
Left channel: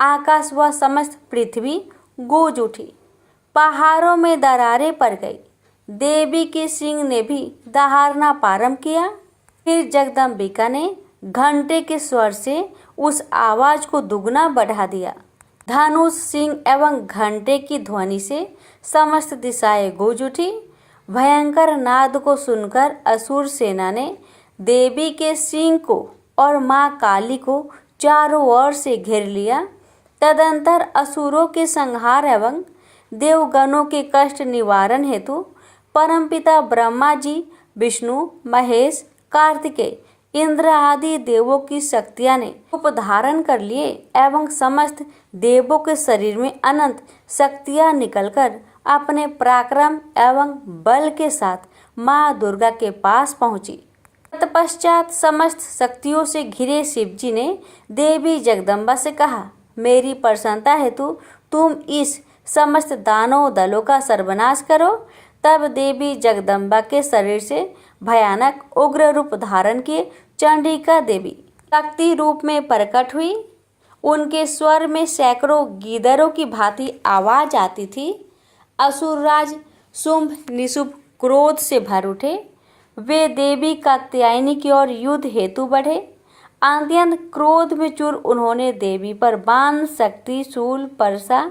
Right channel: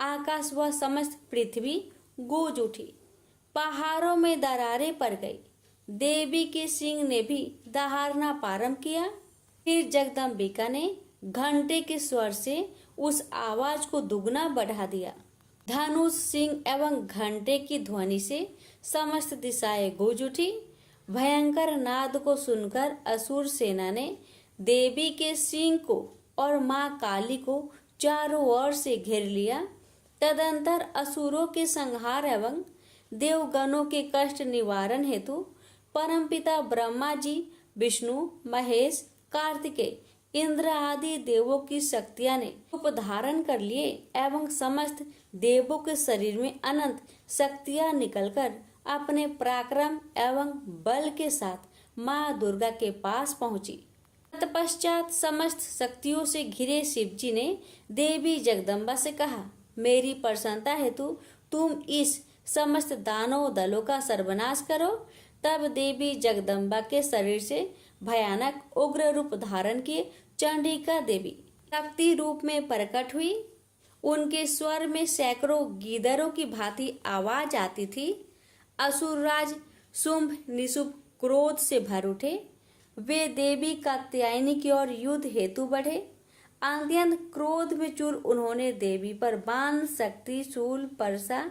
आकाश व समस्त पृथ्वी गूंज उठी। पहाड़ों में दरारें पड़ गई। देवी के सिंह ने भी दहाड़ना प्रारंभ किया। फिर जगदम्बिका ने घंटे के स्वर से उस आवाज को दुगना बढ़ा दिया। धनुष सिंह एवं घंटे की ध्वनि से समस्त दिशाएं गूंज उठी। भयंकर नाद को सुनकर असुर सेना ने देवी के सिंह को और माँ काली को चारों ओर से घेर लिया। तदंतर असुरों के संहार एवं देवगणों के कष्ट निवारण हेतु परमपिता ब्रह्मा जी, विष्णु, महेश, कार्तिकेय, इंद्र आदि देवों की शक्तियां ने रूप धारण कर लिए एवं समस्त देवों के शरीर में अनंत शक्तियां निकलकर अपने पराक्रम एवं बल के साथ माँ दुर्गा के पास पहुंची। तत्पश्चात समस्त शक्तियों से घिरे शिवजी ने देवी जगदम्बा से कहा, मेरी प्रसन्नता हेतु तुम इस समस्त दानव दलों का सर्वनाश करो। तब देवी जगदम्बा के शरीर से भयानक उग्र रूप धारण किए चंडिका देवी शक्ति रूप में प्रकट हुई। उनके स्वर में सैकड़ों गीदड़ों की भांति आवाज आती थी। असुरराज शुंभ निशुंभ क्रोध से भर उठे। वे देवी कात्यायनी की ओर युद्ध हेतु बढ़े। अत्यंत क्रोध में चूर उन्होंने देवी पर बाण, शक्ति, शूल, परसा,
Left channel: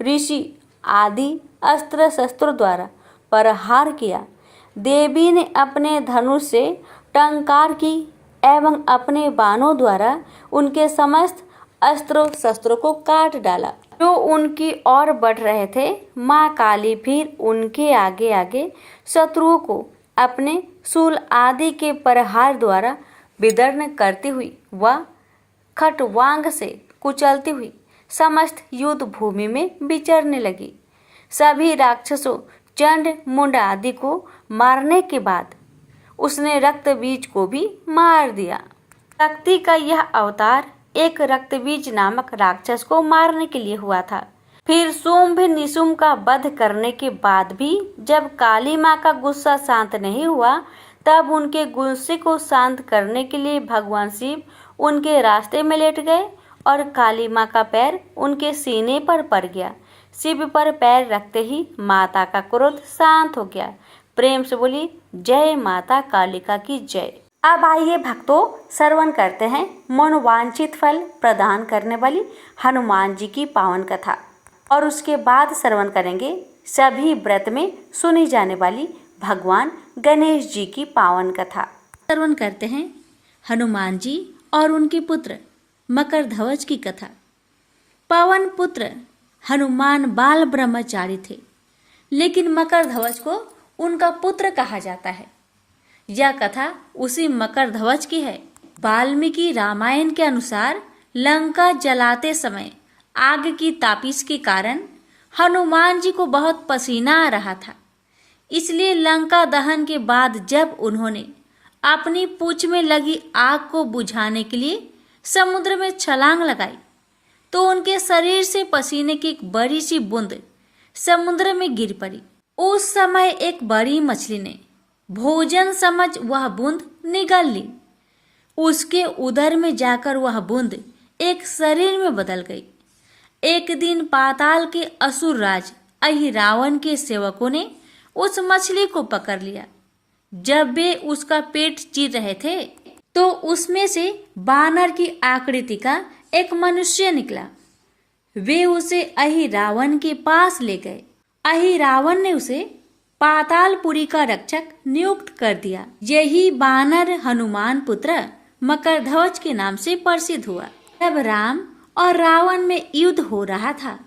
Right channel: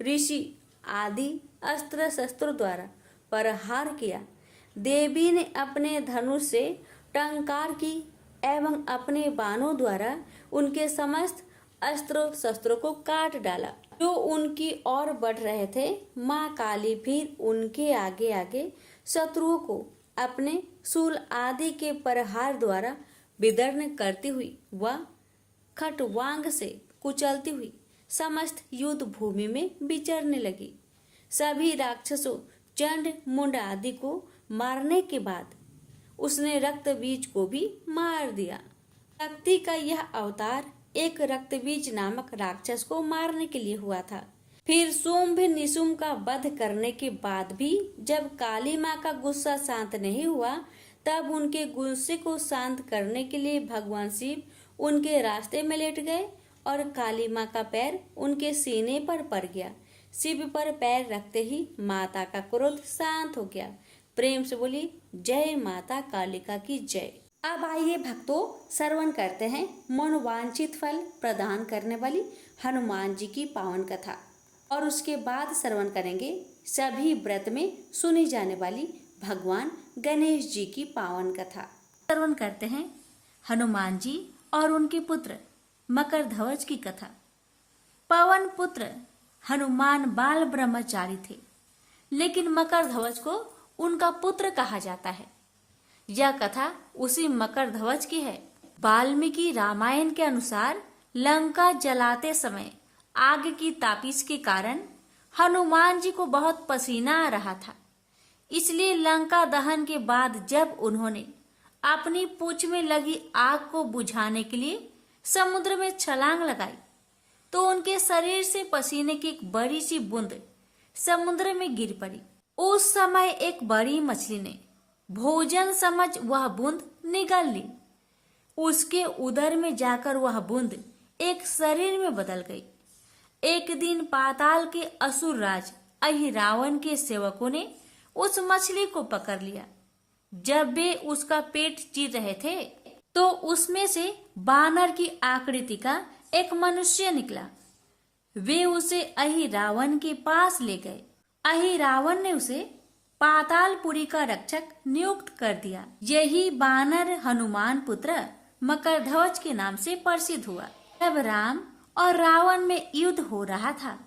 ऋषि आदि अस्त्र शस्त्रों द्वारा प्रहार किया। देवी ने अपने धनुष से टंकार की एवं अपने बाणों द्वारा उनके समस्त अस्त्रों शस्त्रों को काट डाला। जो उनकी ओर बढ़ रहे थे, माँ काली फिर उनके आगे आगे शत्रुओं को अपने शूल आदि के प्रहार द्वारा विदर्न करती हुई व खटवांग से कुचलती हुई समस्त युद्ध भूमि में विचरने लगी। सभी राक्षसों, चंड, मुंड आदि को मारने के बाद उसने रक्तबीज को भी मार दिया। शक्ति का यह अवतार एक रक्तबीज नामक राक्षस को मारने के लिए हुआ था। फिर शुंभ निशुंभ का वध करने के बाद भी जब काली माँ का गुस्सा शांत नहीं हुआ, तब उनके गुस्से को शांत करने के लिए भगवान शिव उनके रास्ते में लेट गए और काली माँ का पैर उनके सीने पर पड़ गया। शिव पर पैर रखते ही माता का क्रोध शांत हो गया। प्रेम से बोली जय माता कालिका की जय। अब आइए भक्तों, श्रवण करते हैं मनोवांछित फल प्रदान करने वाली हनुमान जी की पावन कथा, और उसके बाद श्रवण करेंगे सभी व्रत में सुनी जाने वाली भगवान गणेश जी की पावन कथा। श्रवण करते हैं हनुमान जी और उनके पुत्र मकरध्वज की कथा। पवन पुत्र हनुमान बाल ब्रह्मचारी थे, लेकिन मकरध्वज को उनका पुत्र कहा जाता है। यह कथा उसी मकरध्वज की है। वाल्मीकि रामायण के अनुसार लंका जलाते समय आग की तापिश के कारण हनुमान जी को बहुत पसीना आ रहा था। इसलिए लंका दहन के बाद जब उन्होंने अपनी पूंछ में लगी आग को बुझाने के लिए समुद्र में छलांग लगाई, तो उनके शरीर से पसीने की एक बड़ी सी बूंद समुद्र में गिर पड़ी। उस समय एक बड़ी मछली ने भोजन समझ वह बूंद निगल ली। उसके उदर में जाकर वह बूंद एक शरीर में बदल गई। एक दिन पाताल के असुर राज अहिरावण के सेवकों ने उस मछली को पकड़ लिया। जब वे उसका पेट चीर रहे थे, तो उसमें से बानर की आकृति का एक मनुष्य निकला। वे उसे अहिरावण के पास ले गए। अहिरावण ने उसे पातालपुरी का रक्षक नियुक्त कर दिया। यही बानर हनुमान पुत्र मकरध्वज के नाम से प्रसिद्ध हुआ। जब राम और रावण में युद्ध हो रहा था,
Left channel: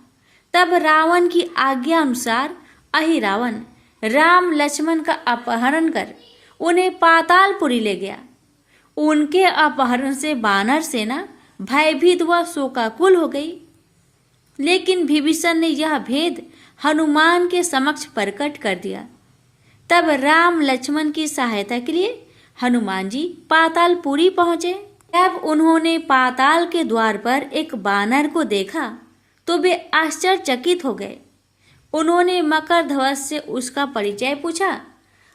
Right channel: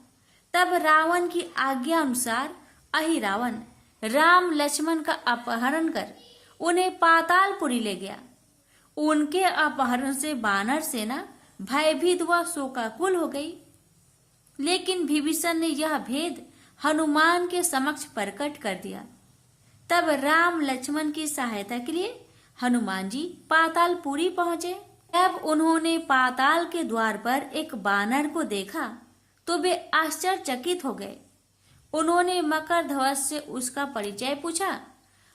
तब रावण की आज्ञा अनुसार अहिरावण राम लक्ष्मण का अपहरण कर उन्हें पातालपुरी ले गया। उनके अपहरण से बानर सेना भयभीत व शोकाकुल हो गई। लेकिन विभीषण ने यह भेद हनुमान के समक्ष प्रकट कर दिया। तब राम लक्ष्मण की सहायता के लिए हनुमान जी पातालपुरी पहुंचे। जब उन्होंने पाताल के द्वार पर एक बानर को देखा, तो वे आश्चर्यचकित हो गए। उन्होंने मकरध्वज से उसका परिचय पूछा।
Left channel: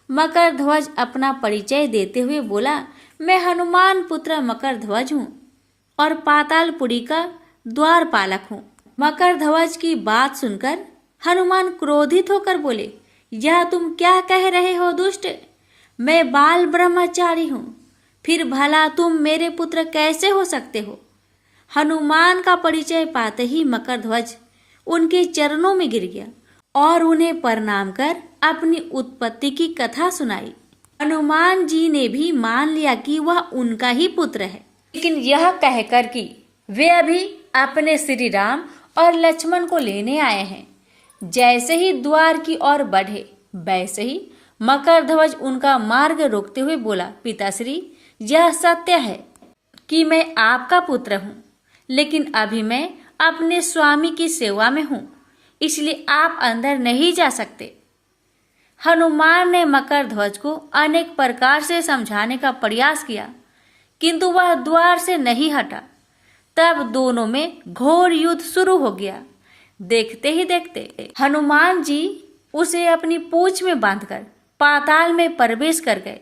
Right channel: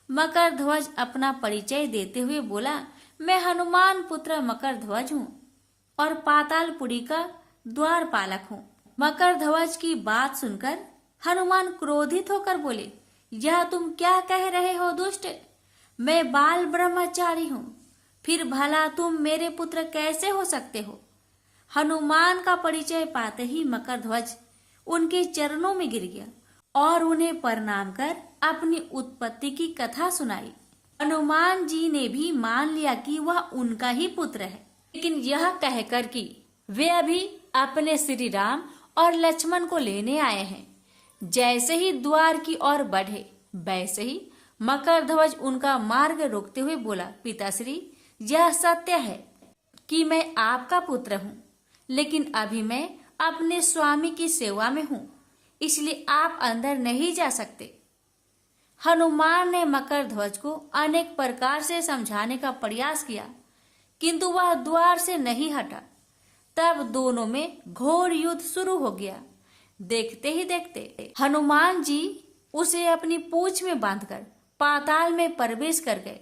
मकरध्वज अपना परिचय देते हुए बोला, मैं हनुमान पुत्र मकरध्वज हूँ और पातालपुरी का द्वारपालक हूँ। मकरध्वज की बात सुनकर हनुमान क्रोधित होकर बोले, यह तुम क्या कह रहे हो दुष्ट? मैं बाल ब्रह्मचारी हूँ, फिर भला तुम मेरे पुत्र कैसे हो सकते हो? हनुमान का परिचय पाते ही मकरध्वज उनके चरणों में गिर गया और उन्हें प्रणाम कर अपनी उत्पत्ति की कथा सुनाई। हनुमान जी ने भी मान लिया कि वह उनका ही पुत्र है, लेकिन यह कहकर कि वे अभी अपने श्री राम और लक्ष्मण को लेने आए हैं। जैसे ही द्वार की ओर बढ़े, वैसे ही मकरध्वज उनका मार्ग रोकते हुए बोला, पिताश्री, यह सत्य है कि मैं आपका पुत्र हूँ, लेकिन अभी मैं अपने स्वामी की सेवा में हूँ, इसलिए आप अंदर नहीं जा सकते। हनुमान ने मकरध्वज को अनेक प्रकार से समझाने का प्रयास किया, किंतु वह द्वार से नहीं हटा। तब दोनों में घोर युद्ध शुरू हो गया। देखते ही देखते हनुमान जी उसे अपनी पूंछ में बांधकर पाताल में प्रवेश कर गए।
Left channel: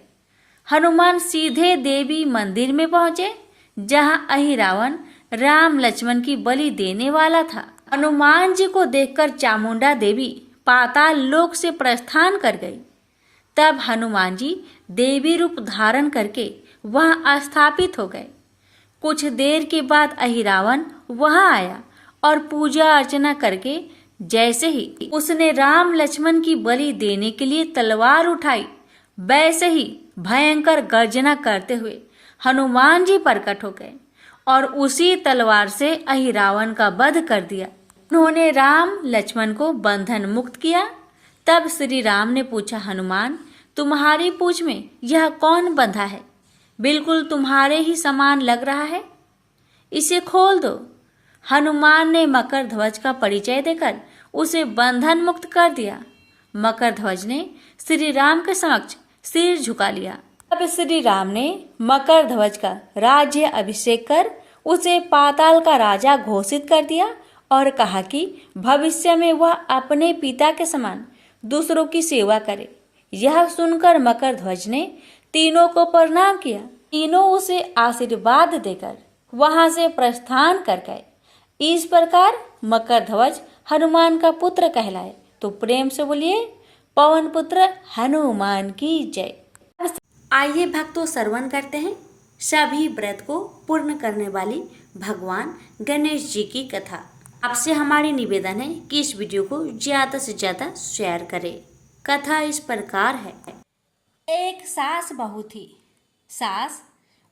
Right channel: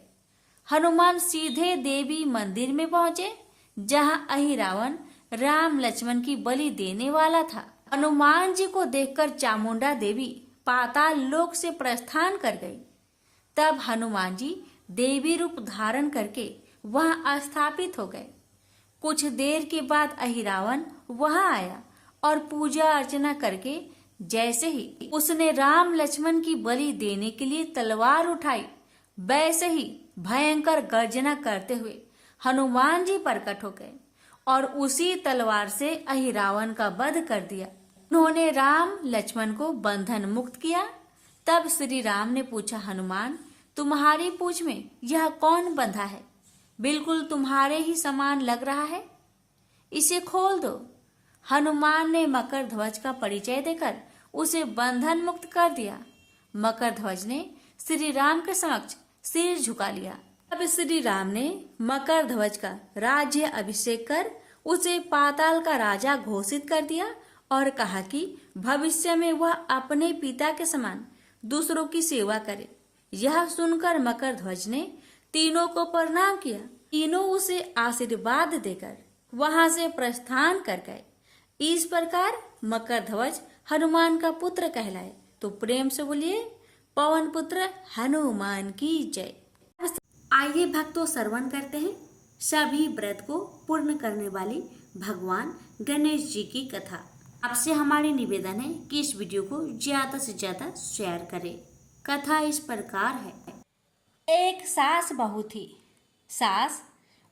हनुमान सीधे देवी मंदिर में पहुंचे, जहां अहिरावण राम लक्ष्मण की बलि देने वाला था। हनुमान जी को देखकर चामुंडा देवी पाताल लोक से प्रस्थान कर गई। तब हनुमान जी देवी रूप धारण करके वहां स्थापित हो गए। कुछ देर के बाद अहिरावण वहां आया और पूजा अर्चना करके जैसे ही उसने राम लक्ष्मण की बलि देने के लिए तलवार उठाई, वैसे ही भयंकर गर्जना करते हुए हनुमान जी प्रकट हो गए और उसी तलवार से अहिरावण का वध कर दिया। उन्होंने राम लक्ष्मण को बंधन मुक्त किया। तब श्री राम ने पूछा, हनुमान, तुम्हारी पूंछ में यह कौन बंधा है? बिल्कुल तुम्हारे ही समान लग रहा है, इसे खोल दो। हनुमान ने मकर ध्वज का परिचय देकर उसे बंधन मुक्त कर दिया। मकर ध्वज ने श्री राम के समक्ष सिर झुका लिया। अब श्री राम ने मकर ध्वज का राज्य अभिषेक कर उसे पाताल का राजा घोषित कर दिया और कहा कि भविष्य में वह अपने पिता के समान दूसरों की सेवा करे। यह सुनकर मकर ध्वज ने तीनों को प्रणाम किया। तीनों उसे आशीर्वाद देकर वहां से प्रस्थान कर गए। इस प्रकार मकर ध्वज हनुमान का पुत्र कहलाए। तो प्रेम से बोलिए, पवन पुत्र हनुमान की जय। आइए भक्तों, श्रवण करते हैं सभी व्रत को पूर्ण करने वाली भगवान गणेश जी की कथा। आपसे हमारी निवेदन है कि इस वीडियो को ज्यादा से ज्यादा शेयर करें। कथा इस प्रकार है। एक सास बहू थी। सास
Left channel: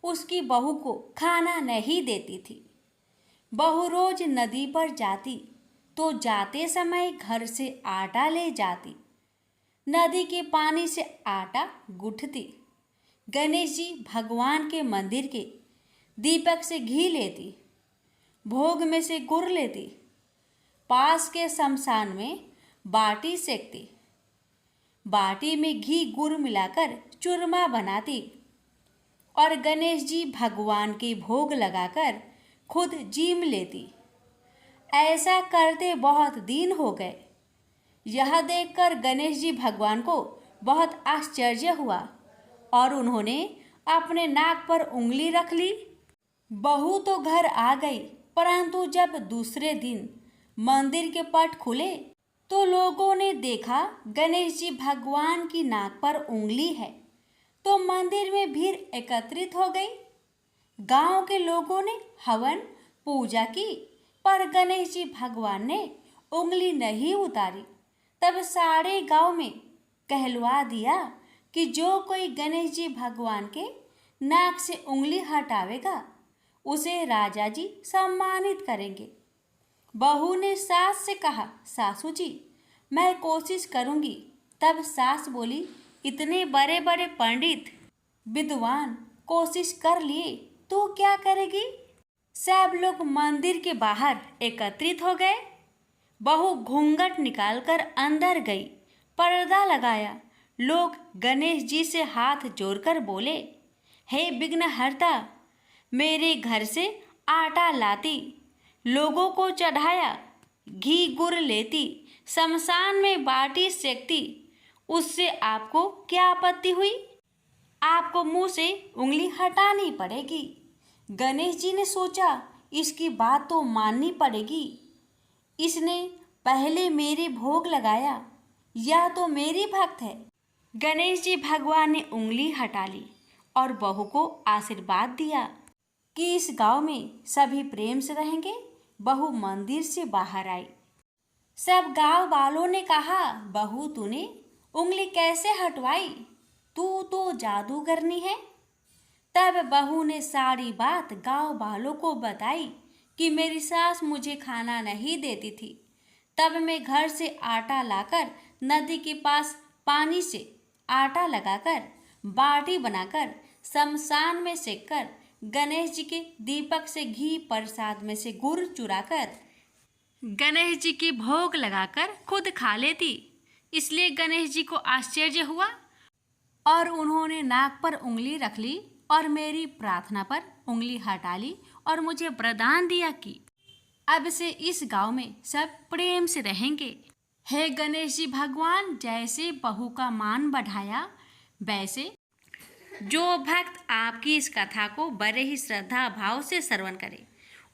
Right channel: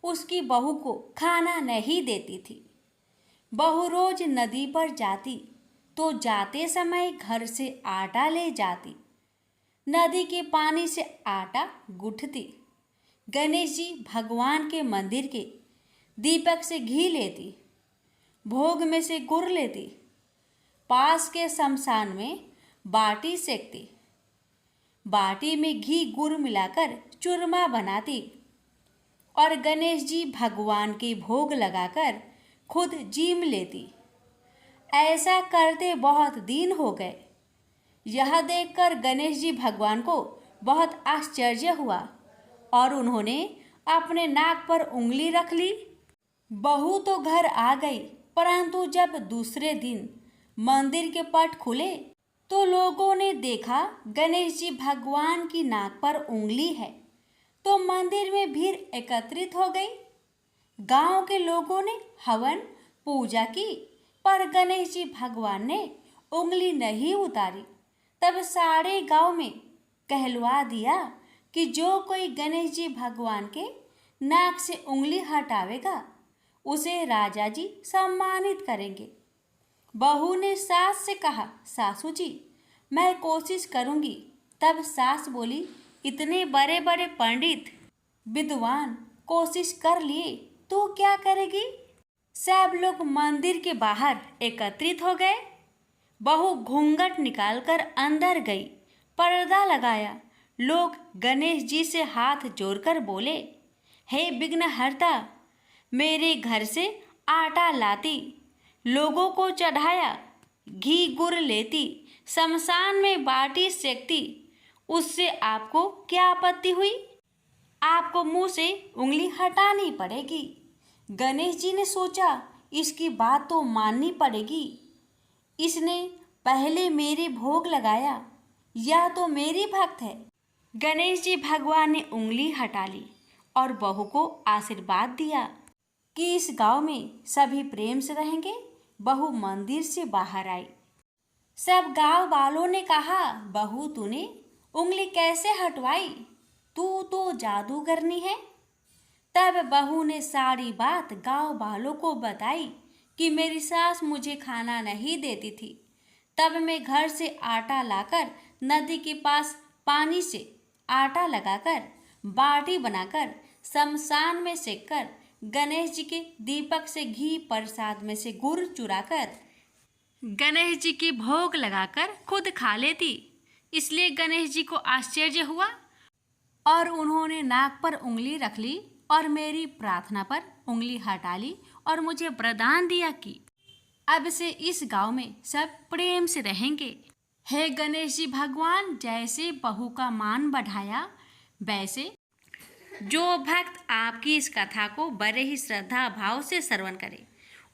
उसकी बहू को खाना नहीं देती थी। बहू रोज नदी पर जाती तो जाते समय घर से आटा ले जाती। नदी के पानी से आटा गूंथती। गणेश जी भगवान के मंदिर के दीपक से घी लेती। भोग में से गुड़ लेती। पास के शमशान में बाटी सेकती। बाटी में घी गुड़ मिलाकर चूरमा बनाती और गणेश जी भगवान के भोग लगाकर खुद जीम लेती। ऐसा करते बहुत दिन हो गए। यह देखकर गणेश जी भगवान को बहुत आश्चर्य हुआ और उन्होंने अपने नाक पर उंगली रख ली। बहू तो घर आ गई, परंतु जब दूसरे दिन मंदिर के पट खुले तो लोगों ने देखा गणेश जी भगवान की नाक पर उंगली है। तो मंदिर में भीड़ एकत्रित हो गई। गांव के लोगों ने हवन पूजा की, पर गणेश जी भगवान ने उंगली नहीं उतारी। तब सारे गांव में कहलवा दिया कि जो कोई गणेश जी भगवान के नाक से उंगली हटावेगा उसे राजा जी सम्मानित करेंगे। बहू ने सास से कहा, सासू जी, मैं कोशिश करूंगी। तब सास बोली, इतने बड़े बड़े पंडित विद्वान कोशिश कर लिए तो क्या करेगी? सब लोग मंदिर के बाहर एकत्रित हो गए। बहू घूंघट निकालकर अंदर गई, पर्दा लगाया। लोग गणेश जी से हाथ जोड़कर बोले, हे विघ्नहर्ता, मेरे घर से आटा लाती, लोगों को चढ़ाया, घी गुड़ लेती, शमशान में बाटी सेकती, उससे आपको क्या आपत्ति हुई? आपको मुंह से उंगली हटानी पड़ेगी। गणेश जी ने सोचा, इसकी बात तो माननी पड़ेगी। इसने पहले मेरे भोग लगाया, यह तो मेरी भक्त है। गणेश जी भगवान ने उंगली हटा ली और बहू को आशीर्वाद दिया कि इस गांव में सभी प्रेम से रहेंगे। बहू मंदिर से बाहर आई। सब गांव वालों ने कहा, बहू तूने उंगली कैसे हटवाई? तू तो जादूगरनी है। तब बहू ने सारी बात गांव वालों को बताई कि मेरी सास मुझे खाना नहीं देती थी। तब मैं घर से आटा लाकर नदी के पास पानी से आटा लगाकर बाटी बनाकर शमशान में सेककर गणेश जी के दीपक से घी, प्रसाद में से गुड़ चुराकर गणेश जी के भोग लगाकर खुद खा लेती। इसलिए गणेश जी को आश्चर्य हुआ और उन्होंने नाक पर उंगली रख ली और मेरी प्रार्थना पर उंगली हटा ली और मुझे वरदान दिया कि अब से इस गांव में सब प्रेम से रहेंगे। हे गणेश जी भगवान, जैसे बहू का मान बढ़ाया, वैसे जो भक्त आपकी इस कथा को बड़े ही श्रद्धा भाव से श्रवण करे,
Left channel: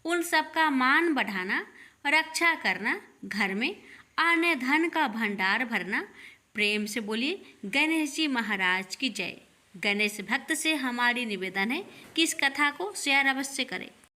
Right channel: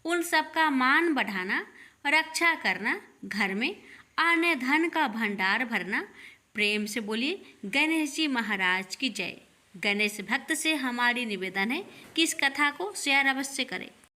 उन सबका मान बढ़ाना, रक्षा करना, घर में अन्न धन का भंडार भरना। प्रेम से बोलिए, गणेश जी महाराज की जय। गणेश भक्त से हमारी निवेदन है कि इस कथा को शेयर अवश्य करें।